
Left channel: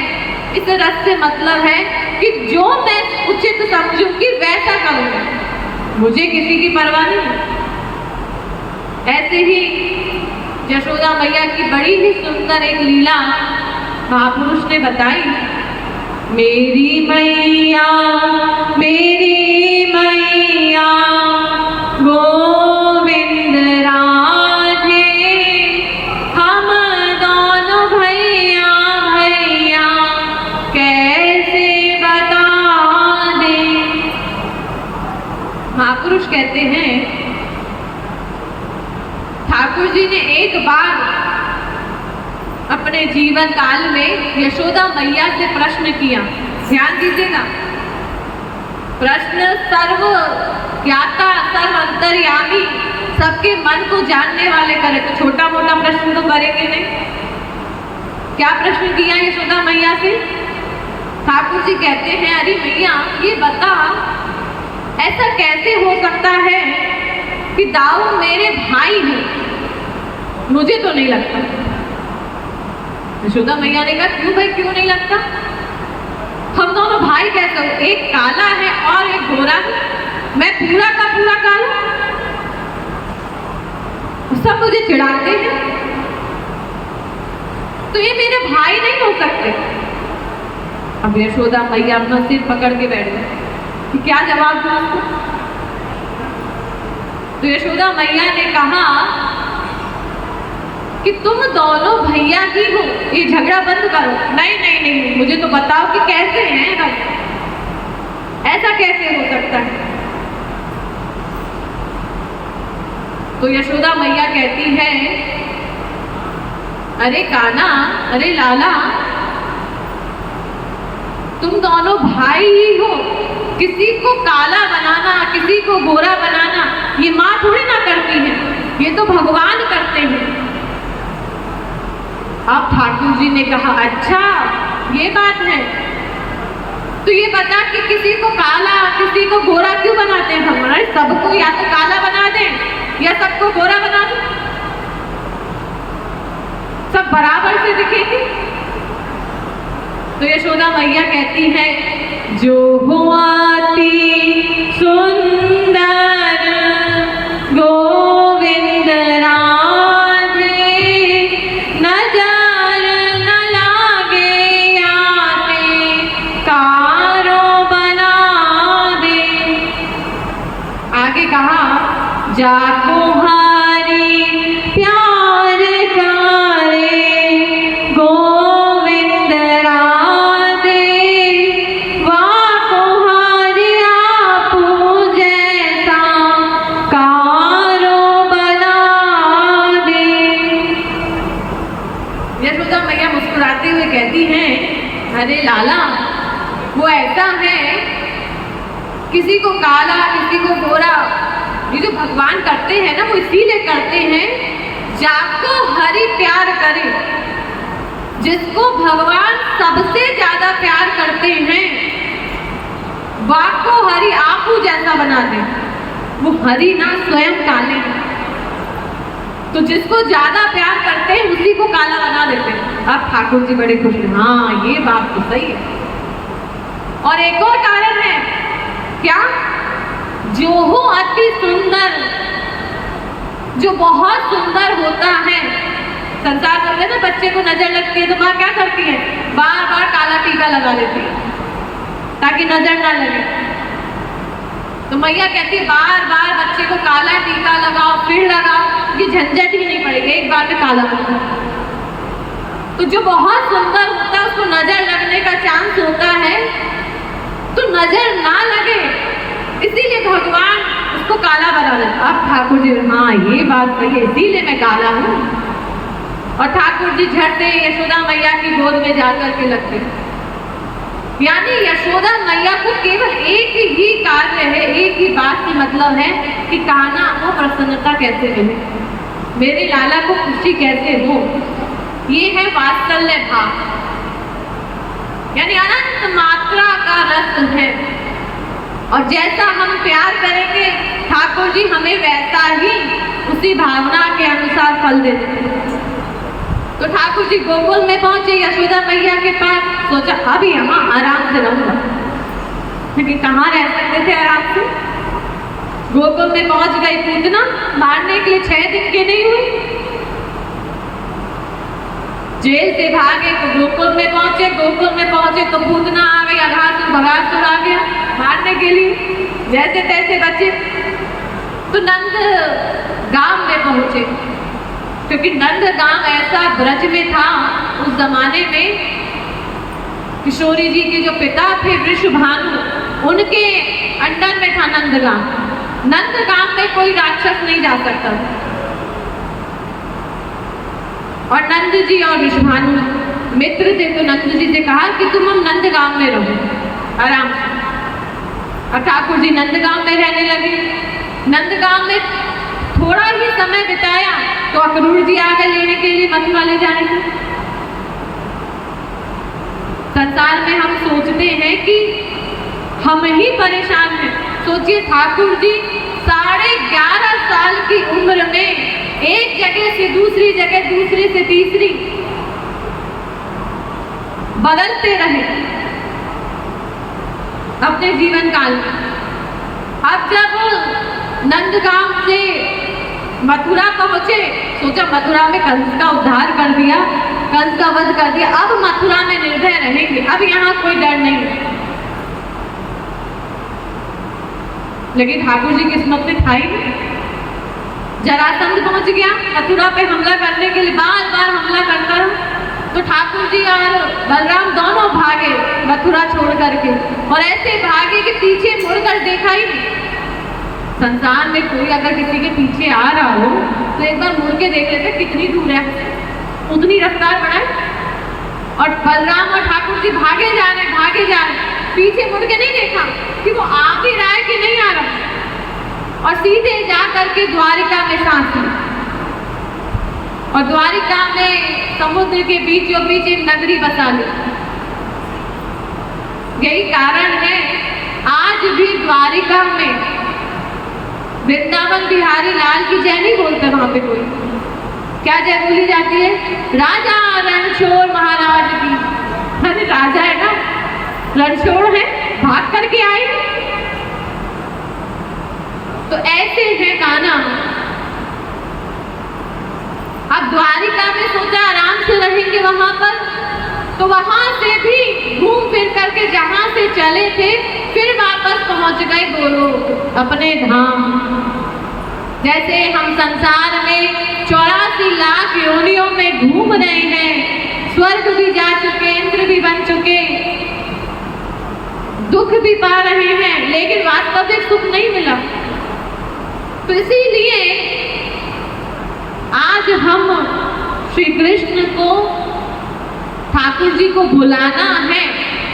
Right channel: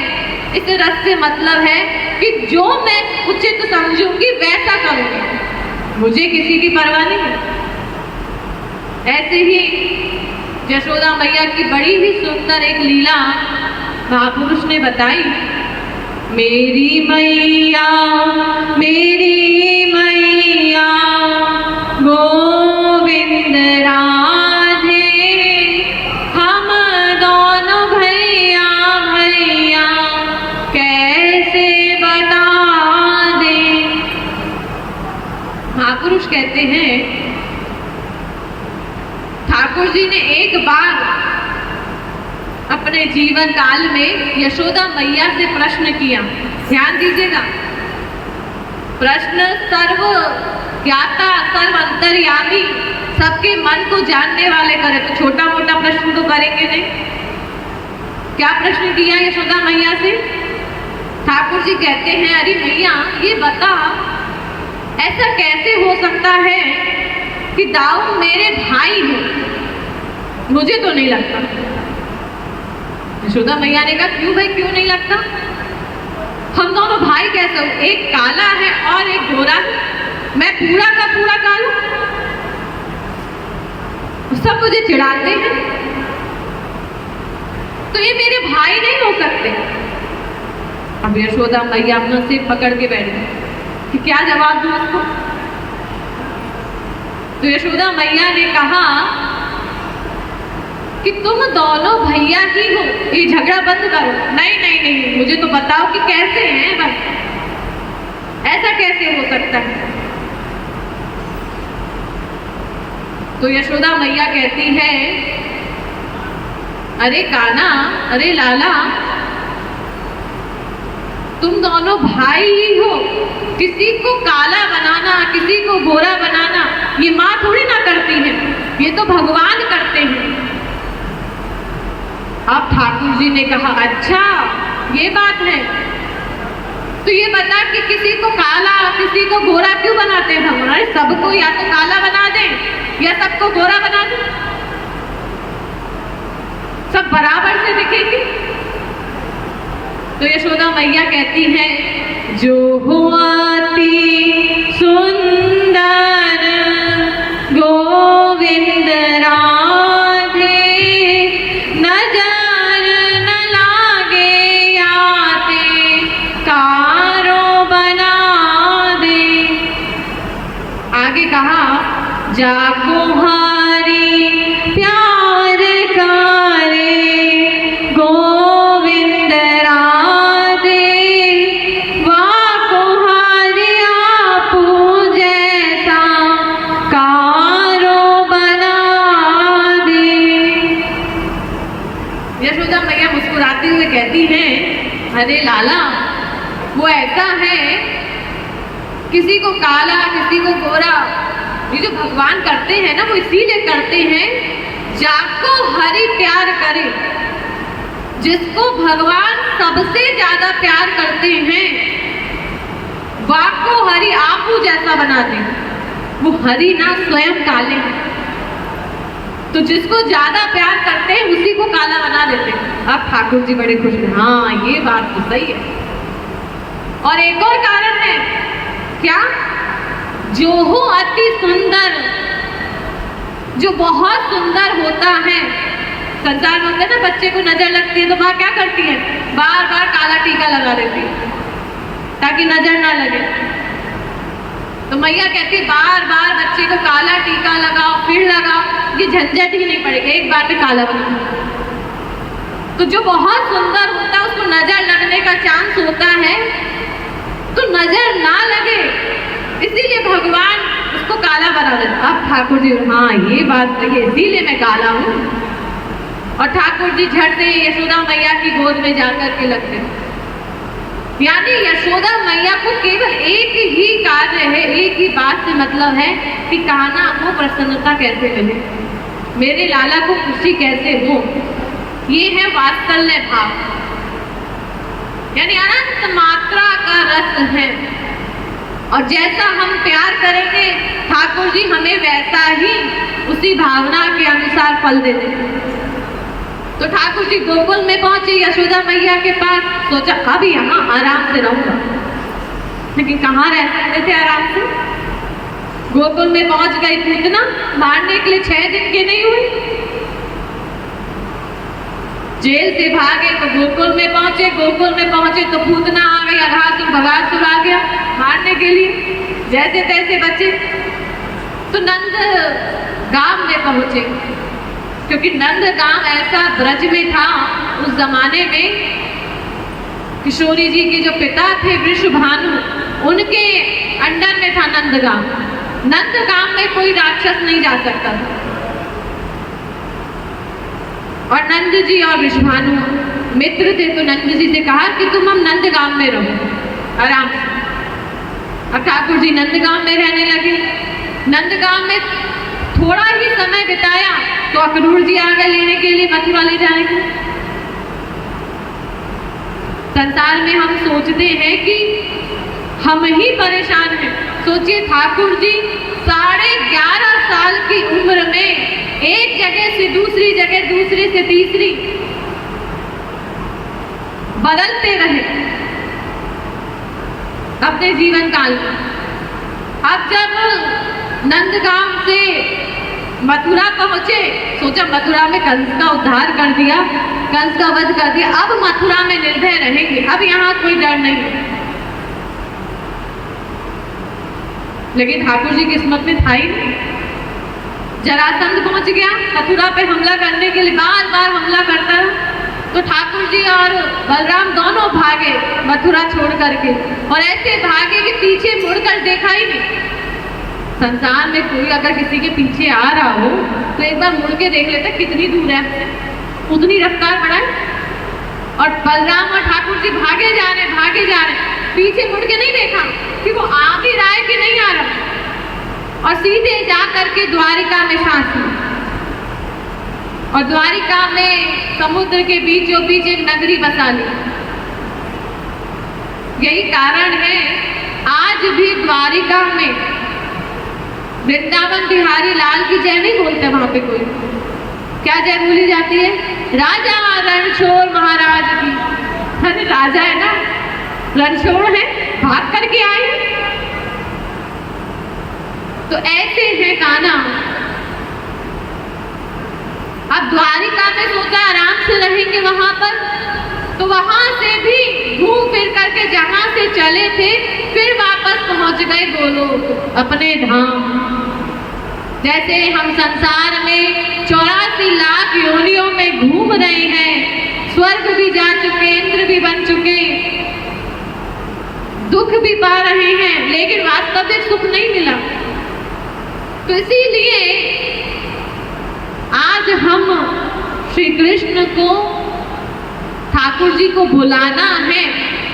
इस रस से मतलब है कि जो मैं उचित समझूंगी वैसा करूंगी, मुझे किसी की परवाह नहीं है। ऐसे ही यशोदा मैया की बड़ी ही सुंदर एक लीला महापुरुष ने बताई। मेरी मैया, मेरी मैया गोविंद राधे, हम दोनों भैया भैया कैसे बता दे। महापुरुष कहते हैं ठाकुर जी ने एक बार अपने जीवन काल में यशोदा मैया से प्रश्न किया। ध्यान दीजिएगा, प्रश्न सर्व ज्ञाता, सर्व अंतर्यामी, सबके मन को जानने वाले करे। तो छोटा मोटा प्रश्न तो करेंगे नहीं। क्या प्रश्न किया यशोदा मैया से? ठाकुर जी कहते हैं अरे मैया ये बता, ऐसा कैसे हो सकता है कि दाऊ मेरे भाई हैं? मुझे तो नहीं लगता। यशोदा मैया ने कहा क्यों भाई, क्यों नहीं लगता? हम दोनों भाई कैसे हो? एक काला है और एक गोरा है, मैं पूरा का पूरा काला, सब मुझे चिढ़ाते हैं, तो ये मेरे भाई नहीं हो सकते। अब यशोदा मैया अपना सिर पकड़ के बैठ गई कि क्या जवाब दूं उसको। तो यशोदा मैया ने कहा कि तुम दोनों भैया ही हो, ये झगड़ा बंद करो। नहीं नहीं नहीं, मुझे तो बताओ कि कैसे हैं भाई, ऐसा कैसे हो सकता है? तो यशोदा मैया कहती है अरे कान्हा, अरे लाला, तुम दोनों भाई ही हो। किसी को काला बनाना, किसी को गोरा बनाना ये माँ थोड़ी ना करती है, ये तो भगवान करते हैं। अब ठाकुर जी ने कहा अच्छा ये बात है, तो ये बता कि किसी को काला किसी को गोरा क्यों बनाते हैं? हमारे सबको या तो काला बना दें या सबको गोरा बना दें, सब बराबर से दिखेंगे। तो यशोदा मैया कहती है जो हुआती सुंदर गोविंद राधे, नजर न लागे आते कारो बना दे। आगे कहा जाको हारी प्यार करे गोविंद राधे, वाको हारी आपू जैसा कारो बना दे। यशोदा मैया मुस्कुराते हुए कहती हैं अरे लाला, वो ऐसा है किसी को काला किसी को गोरा, ये जो भगवान करते हैं ना वो इसीलिए करते हैं जाको हरि प्यार करे। जिसको भगवान सबसे ज्यादा प्यार करते हैं वाको हरि आपू जैसा बना दे। वो हरि ना स्वयं काले हैं, तो जिसको ज्यादा प्यार करते हैं उसी को काला बना देते हैं। अब ठाकुर जी बड़े खुश हैं, हाँ ये बात तो सही है। और एक और कारण है, क्या? जो हो अति सुंदर, जो बहुत सुंदर होता है। संसार में ना बच्चे को नजर लगती है तो वहां क्या करती है? बार बार काला टीका लगा लेती है ताकि नजर ना लगे। तो मैया कहती है बार बार बच्चे को काला टीका लगाओ, फिर लगाओ, ये झंझट ही नहीं पड़ेगा, एक बार में काला टीका। तो जो बहुत सुंदर होता है उसको नजर लगने का चांस होता है, तो नजर ना लगे इसीलिए भगवान उसको काला बना देता। अब ठाकुर जी, हाँ ये बात सही है, इसीलिए मैं काला हूँ। और ठाकुर जी झट से यशोदा मैया की गोद में जाकर के लगते। यानी यशोदा मैया को केवल एक ही कार्य है, एक ही बात से मतलब है कि कान्हा को प्रसन्नता कैसे मिले, मेरे लाला को खुशी कैसे हो। ये है वात्सल्य भाव, यानी अनंत मात्रा का रस है। और जैसा हम प्यार करेंगे ठाकुर जी हमें वैसा ही उसी भावना के अनुसार फल देते। तो ठाकुर जी गोकुल में पहुंचे यशोदा मैया के पास, सोचा अब यहाँ आराम से रहूंगा, लेकिन कहाँ रह सकते थे आराम से। गोकुल में पहुंच गई पूतना, मारने के लिए 6 दिन के नहीं हुए। जेल से भागे तो गोकुल में पहुंचे, गोकुल में पहुंचे तो पूतना आ गई, भगासुर आ गया मारने के लिए, जैसे तैसे बचे। तो नंद गांव में पहुंचे, क्योंकि नंद गांव ऐसा ब्रज में था उस जमाने में, किशोरी जी के जो पिता थे वृषभानु, उनके अंडर में था नंद गांव। नंद गांव में कोई राक्षस नहीं जा सकता। और नंद जी और वृषभानु मित्र थे, तो नंद जी से कहा कि तुम हम नंद गांव में रहो आराम से। अब ठाकुर जी नंद गांव में रहने लगे। नंद गांव में थोड़ा ही समय बिताया तो अक्रूर जी आ गए लेने के लिए, मथुरा ले जाने को। संसार में हम सोचते हैं कि हम ही परेशान हैं। सोचिए ठाकुर जी 11.5 साल की उम्र में एक जगह से दूसरी जगह, दूसरी से तीसरी बदलते रहे अपने जीवन काल में। अब जब नंदगांव से मथुरा पहुंचे, सोचा मथुरा में कंस का उद्धार कर दिया, कंस का वध कर दिया, अब मथुरा में निर्भय रहेंगे, अब यहाँ कोई डर नहीं। लेकिन ठाकुर जी किस्मत में था ही नहीं। जरासंध पहुंच गया मथुरा पे हमला करने के लिए, बार बार हमला करता, तो ठाकुर जी और बलराम दोनों भागे मथुरा छोड़ करके, और ऐसे भागे कि पीछे मुड़कर देखा ही नहीं। संसार में कोई अगर किसी के पीछे आ रहा हो तो एक बार मुड़ के देख लेते कितनी दूर है, उतनी रफ्तार बढ़ाए। और बलराम और ठाकुर जी भागे जा रहे, पीछे मुड़ के नहीं देखा कि वो आ भी रहा है कि नहीं आ रहा, और सीधे जा करके द्वारिका में सांस ली। और द्वारिका में समुद्र के बीचों बीच एक नगरी बसा ली। यही कारण है आज भी द्वारिका में वृंदावन बिहारी लाल की जय नहीं बोलते वहां पे कोई। क्या जय बोली जाती है? राजा रणछोड़ महाराज की। अरे राजा है ना, रणछोड़ है, भाग करके आए। तो ऐसे है कान्हा। अब द्वारिका में सोचा आराम से रहेंगे वहां पर, तो वहां से भी घूम फिर करके जहां से चले थे फिर वापस पहुंच गए गोलोक अपने धाम। जैसे हम संसार में 84 लाख योनियों में घूम रहे हैं, स्वर्ग भी जा चुके, इंद्र भी बन चुके, दुख भी पा रहे हैं, लेकिन वास्तविक सुख नहीं मिला। तो इसीलिए आज हम श्री कृष्ण को, ठाकुर जी को बुलाना है,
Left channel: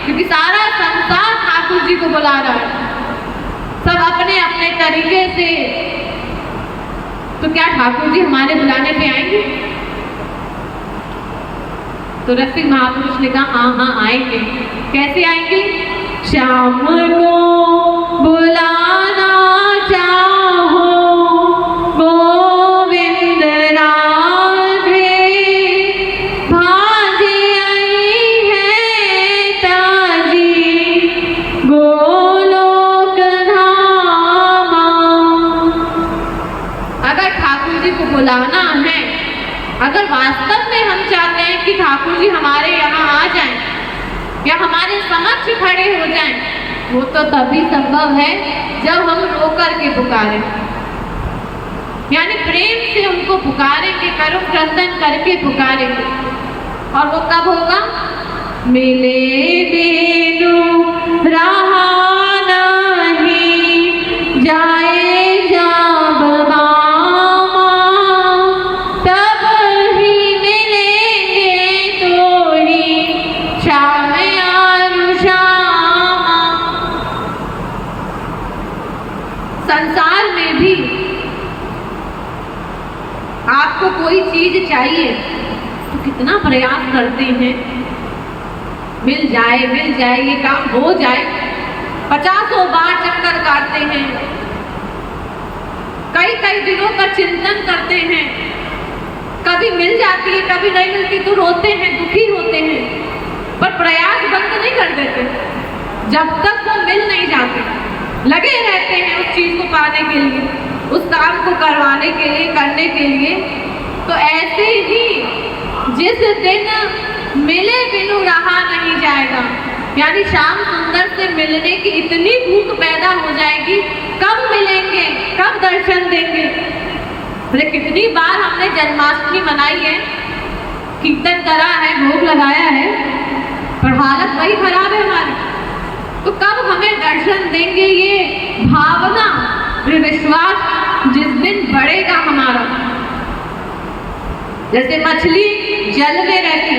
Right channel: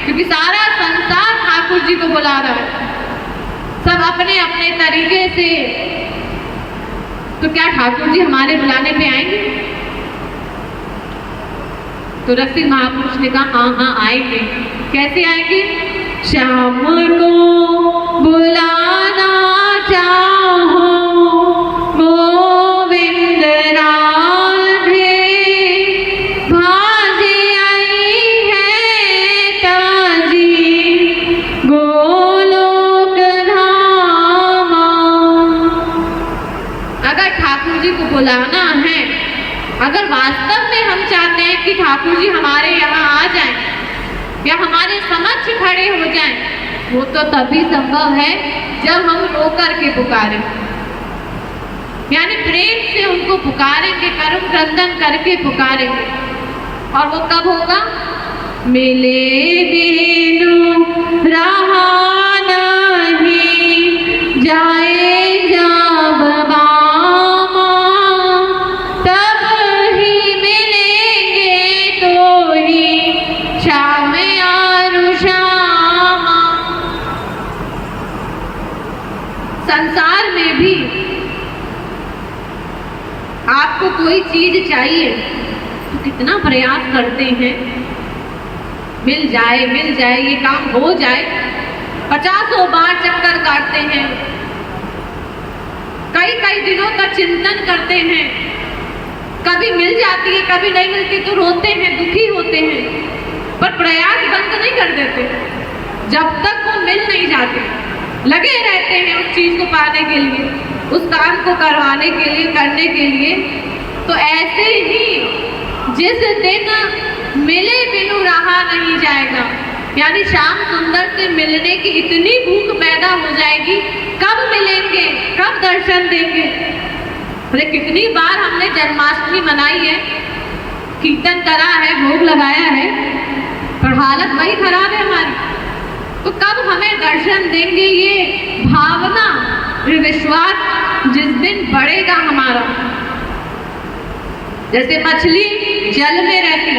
क्योंकि सारा संसार ठाकुर जी को बुला रहा है, सब अपने अपने तरीके से। तो क्या ठाकुर जी हमारे बुलाने पे आएंगे? तो रसिक महापुरुष ने कहा हाँ हाँ आएंगे। कैसे आएंगे? श्याम को बुलाना चाहो गोविंद राधे, भाजे आई है ताजी गोलोक धामा। अगर ठाकुर जी को बुलाना है, अगर वास्तव में हम चाहते हैं कि ठाकुर जी हमारे यहाँ आ जाएं या हमारे समक्ष खड़े हो जाएं, वो तो तभी संभव है जब हम रो करके पुकारें, यानी प्रेम से उनको पुकारेंगे, करुण क्रंदन करके पुकारेंगे। और वो कब होगा? मिले बिनु रहा नहीं जाए जब बामा, तब ही मिलेंगे तो ही शाम और शामा। संसार में भी आपको कोई चीज चाहिए तो कितना प्रयास करते हैं, मिल जाए ये काम हो जाए, 50 बार चक्कर काटते हैं, कई दिनों तक चिंतन करते हैं, कभी मिल जाती है कभी नहीं मिलती तो रोते हैं, दुखी होते हैं, पर प्रयास बंद नहीं कर देते। जब तक वो मिल नहीं जाते लगे रहते हैं उस चीज को पाने के लिए, उस काम को करवाने के लिए, करने के लिए। तो ऐसे ही जिस दिन मिले बिनु रहा नहीं जाएगा, यानी श्याम सुंदर से मिलने की इतनी भूख पैदा हो जाएगी, कब मिलेंगे, कब दर्शन देंगे। अरे कितनी बार हमने जन्माष्टमी मनाई है, कीर्तन करा है, भोग लगाया है, पर हालत वही खराब है हमारी। तो कब हमें दर्शन देंगे? ये भावना, ये विश्वास जिस दिन बढ़ेगा हमारा, जैसे मछली जल में रहती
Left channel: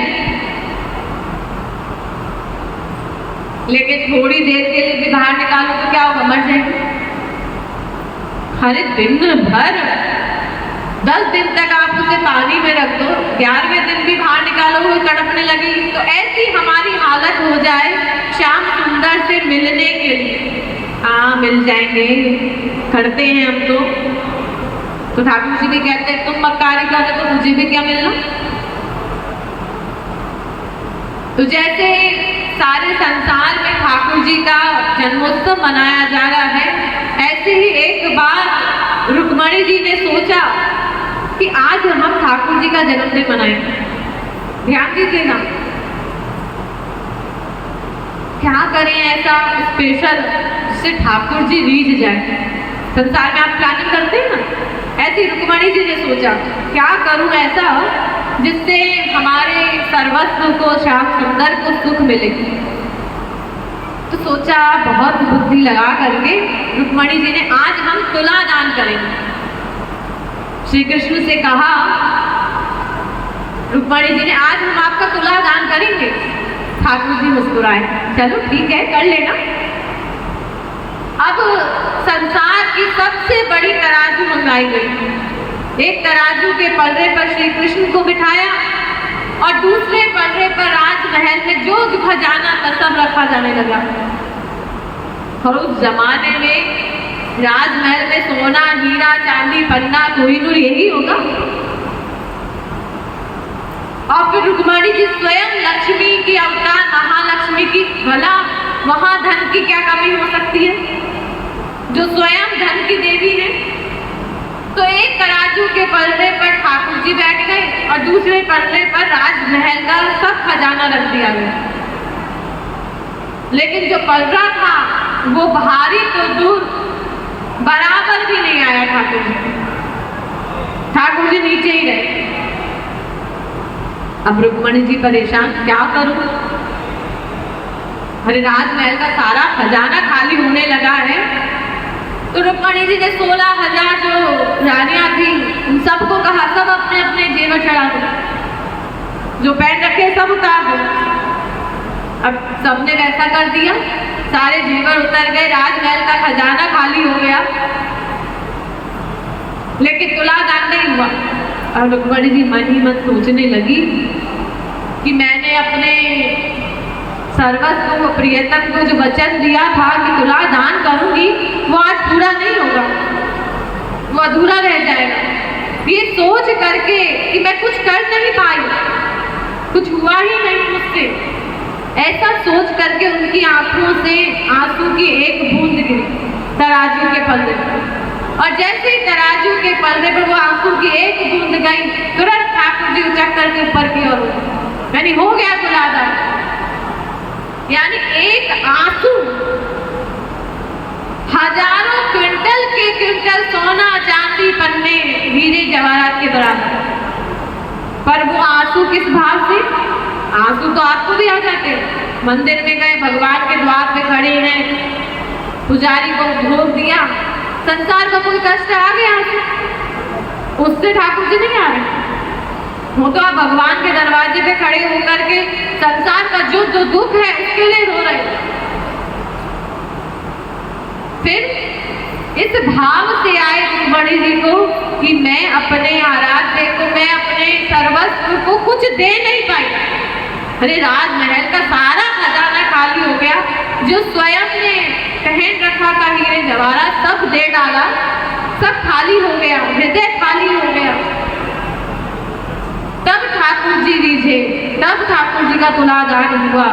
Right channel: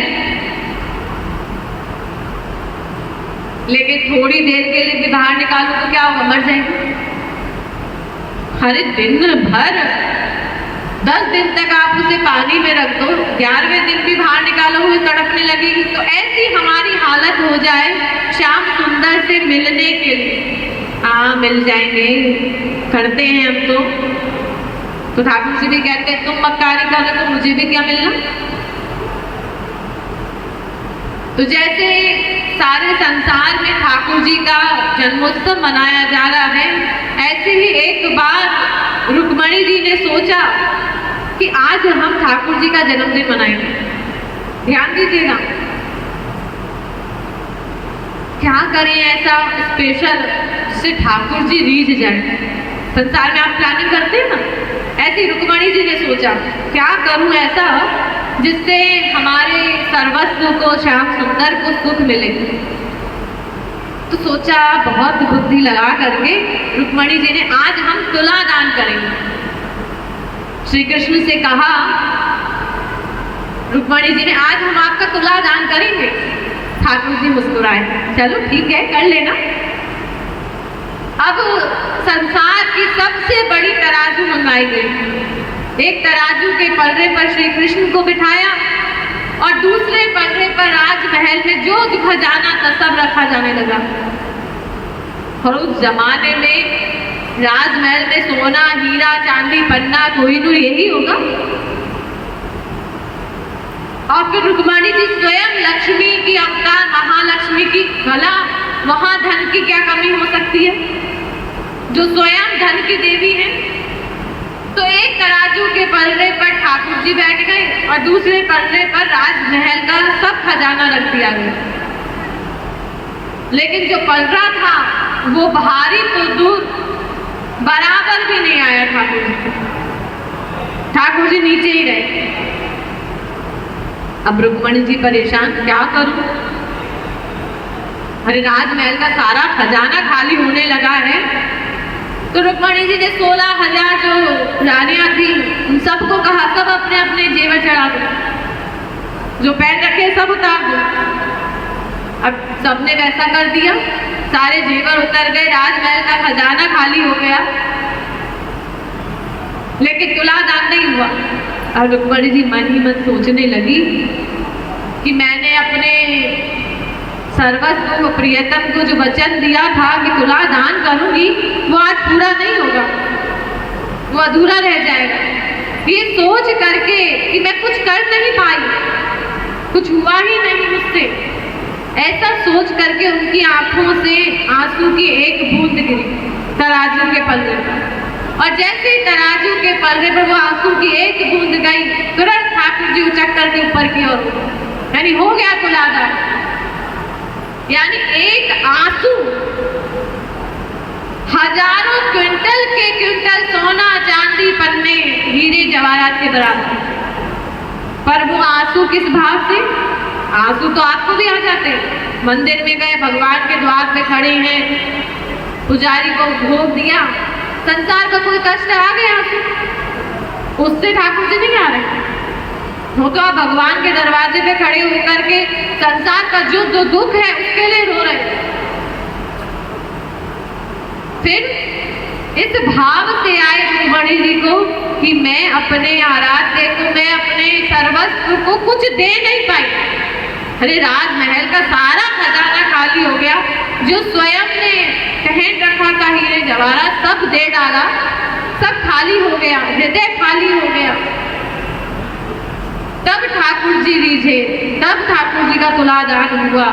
लेकिन थोड़ी देर के लिए भी बाहर निकालो तो क्या होगा? मर जाएगी। हर दिन भर 10 दिन तक आप उसे पानी में रख दो, 11वें दिन भी बाहर निकालो वो तड़पने लगेगी। तो ऐसी हमारी हालत हो जाए श्याम सुंदर से मिलने के लिए। हाँ मिल जाएंगे, करते हैं हम तो ठाकुर जी भी कहते हैं तुम मक्कारी करो तो मुझे भी क्या मिलना। तो जैसे सारे संसार में ठाकुर जी का जन्मोत्सव मनाया जा रहा है, ऐसे ही एक बार रुक्मणी जी ने सोचा कि आज हम ठाकुर जी का जन्मदिन मनाएंगे। ध्यान दीजिएगा, क्या करें ऐसा स्पेशल जिससे ठाकुर जी रीझ जाए। संसार में आप प्लानिंग करते हैं ना, ऐसी रुक्मणी जी ने सोचा क्या करूं ऐसा जिससे हमारे सर्वस्व को, श्याम सुंदर को सुख मिले। तो सोचा बहुत बुद्धि लगा करके रुक्मणी जी ने आज हम तुला दान करेंगे। श्री कृष्ण से कहा रुक्मणी जी ने आज हम आपका तुला दान करेंगे। ठाकुर जी मुस्कुराए, चलो ठीक है कर लेना। अब संसार की सबसे बड़ी तराजू मंगाई गई। एक तराजू के पलड़े पर श्री कृष्ण को बिठाया और दूसरे पलड़े पर राजमहल में जो खजाना था सब रखा जाने लगा। और उस जमाने में राजमहल में सोना, हीरा, चांदी, पन्ना, कोहिनूर यही होगा। और फिर रुक्मणी जी स्वयं लक्ष्मी की अवतार, महालक्ष्मी की, भला वहां धन की क्या कमी हो सकती है, जो स्वयं धन की देवी है। तो एक तराजू के पलड़े पर ठाकुर जी बैठ गए और दूसरे पलड़े पर राजमहल का सब खजाना रख दिया गया। लेकिन जो पलड़ा था वो भारी तो दूर, बराबर भी नहीं आया ठाकुर जी। ठाकुर जी नीचे ही रहे। अब रुक्मणी जी परेशान, क्या करूं? अरे राजमहल का सारा खजाना खाली होने लगा है। तो रुक्मणी जी ने 16,000 जो रानियां थी उन सबको कहा सब अपने अपने जेवर चढ़ा दो, जो पहन रखे सब उतार दो। अब सबने वैसा कर दिया, सारे जेवर उतर गए, राजमहल का खजाना खाली हो गया, लेकिन तुला दान नहीं हुआ। और रुक्मणी जी मन ही मन सोचने लगी कि मैंने अपने सर्वस्व को, प्रियतम को जो वचन दिया था कि तुला दान करूंगी, वो आज पूरा नहीं होगा, वो अधूरा रह जाएगा। ये सोच करके कि मैं कुछ कर नहीं पाई, कुछ हुआ ही नहीं मुझसे, ऐसा सोच करके उनकी आंखों से आंसू की एक बूंद गिरी तराजू के पलड़े पर। और जैसे ही तराजू के पलड़े पर वो आंसू की एक बूंद गई, तुरंत ठाकुर जी उचक करके ऊपर की ओर, यानी हो गया तुला दान। यानी एक आंसू अपने हीरे जवाहरात के दौरान, पर वो आंसू किस भाव से? आंसू तो आपको भी आ जाते। मंदिर में गए, भगवान के द्वार पे खड़े हैं, पुजारी को भोग दिया, संसार का कोई कष्ट आ गया, उससे ठाकुर जी नहीं आ रहे। वो तो आप भगवान के दरवाजे पे खड़े होकर के संसार का जो दुख है उसके लिए रो रहे। फिर इस भाव से आए गुरुमणि जी को कि मैं अपने आराध्य को, मैं अपने सर्वस्व को कुछ दे नहीं पाई। अरे राजमहल का सारा खजाना खाली हो गया, जो स्वयं ने पहन रखा था हीरे जवाहरात सब दे डाला, सब खाली हो गया, हृदय खाली हो गया। तब ठाकुर जी रीझे, तब ठाकुर जी का तुलादान हुआ।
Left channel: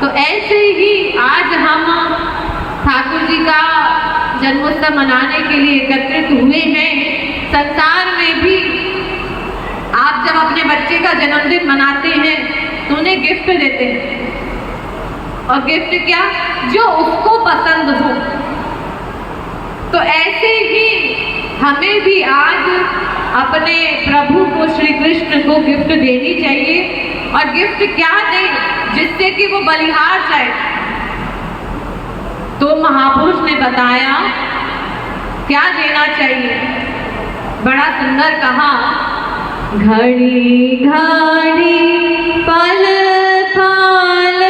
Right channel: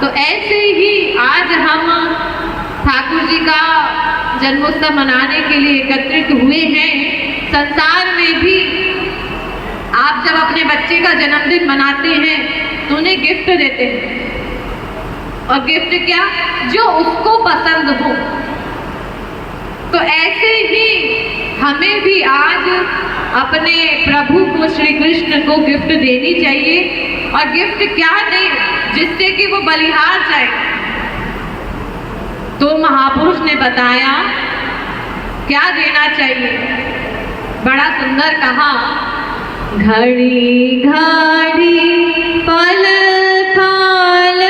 तो ऐसे ही आज हम ठाकुर जी का जन्मोत्सव मनाने के लिए एकत्रित हुए हैं। संसार में भी आप जब अपने बच्चे का जन्मदिन मनाते हैं तो उन्हें गिफ्ट देते हैं, और गिफ्ट क्या? जो उसको पसंद हो। तो ऐसे ही हमें भी आज अपने प्रभु को, श्री कृष्ण को गिफ्ट देनी चाहिए। और गिफ्ट क्या दें जिससे कि वो बलिहार जाए? तो महापुरुष ने बताया क्या देना चाहिए, बड़ा सुंदर कहा, घड़ी घड़ी पल पल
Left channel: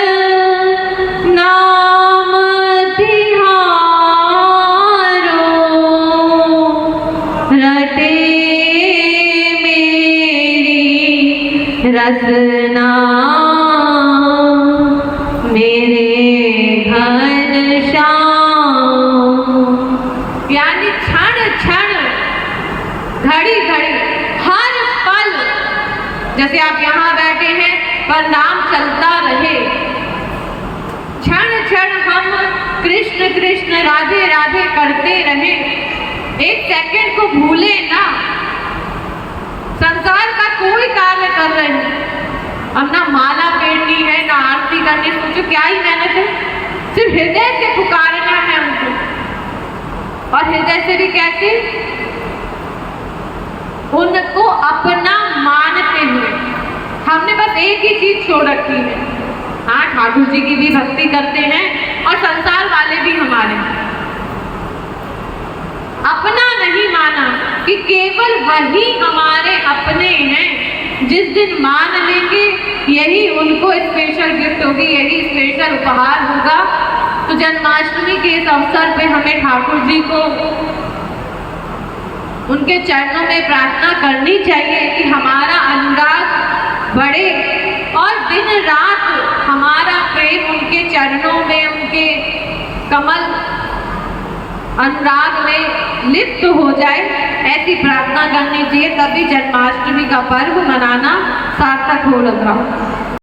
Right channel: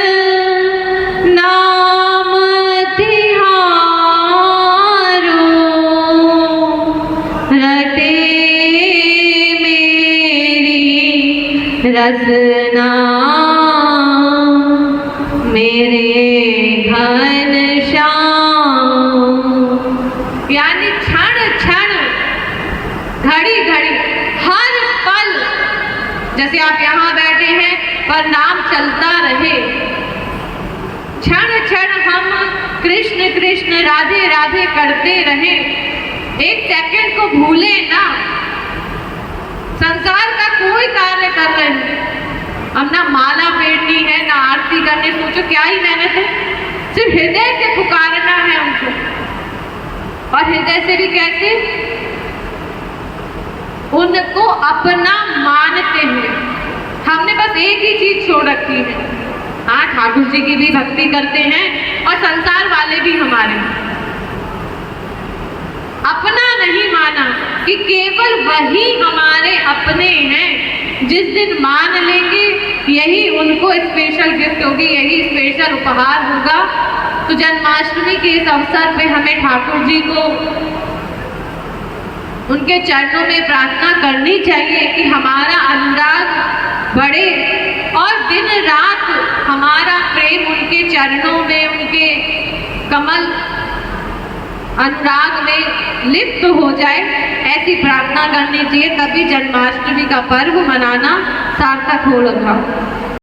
नाम तिहारो, रटे मेरी रसना मेरे घर श्याम। यानी क्षण क्षण, घड़ी घड़ी, हर पल, जैसे आप यहाँ बैठे हैं पर नाम चलता रहे, क्षण क्षण हम कृष्ण कृष्ण राधे राधे करते रहे, एक सेकंड को भूले ना। संसार का कोई कार्य कर रहे हैं, अब ना माला फेरनी है, ना आरती करनी, सोचो क्या ही मेहनत है, सिर्फ हृदय से पुकारना है उनको। और हृदय से भी कैसे? उनको अपना मानते हुए। हमने बस एक ही चीज छोड़ रखी है, हाँ ठाकुर जी की भी भक्ति करते हैं और संसार वाले भी हमारे, अपना नहीं माना कि केवल वही हमारे अपने हैं। जिस दिन मान लेंगे यही उनको स्पेशल गिफ्ट होगी, यही स्पेशल उपहार होगा। तो जन्माष्टमी के इस अवसर पे हमें ठाकुर जी को उनके चरणों में प्रार्थना करनी चाहिए कि हमारा अनुराग बढ़े और दिन रात हमारा प्रेम उनके चरणों में, उनके कमल अनुराग में लिप्त हो जाए, ऐसी प्रार्थना करनी चाहिए। तभी जन्माष्टमी का पर्व मनाना सार्थक होगा।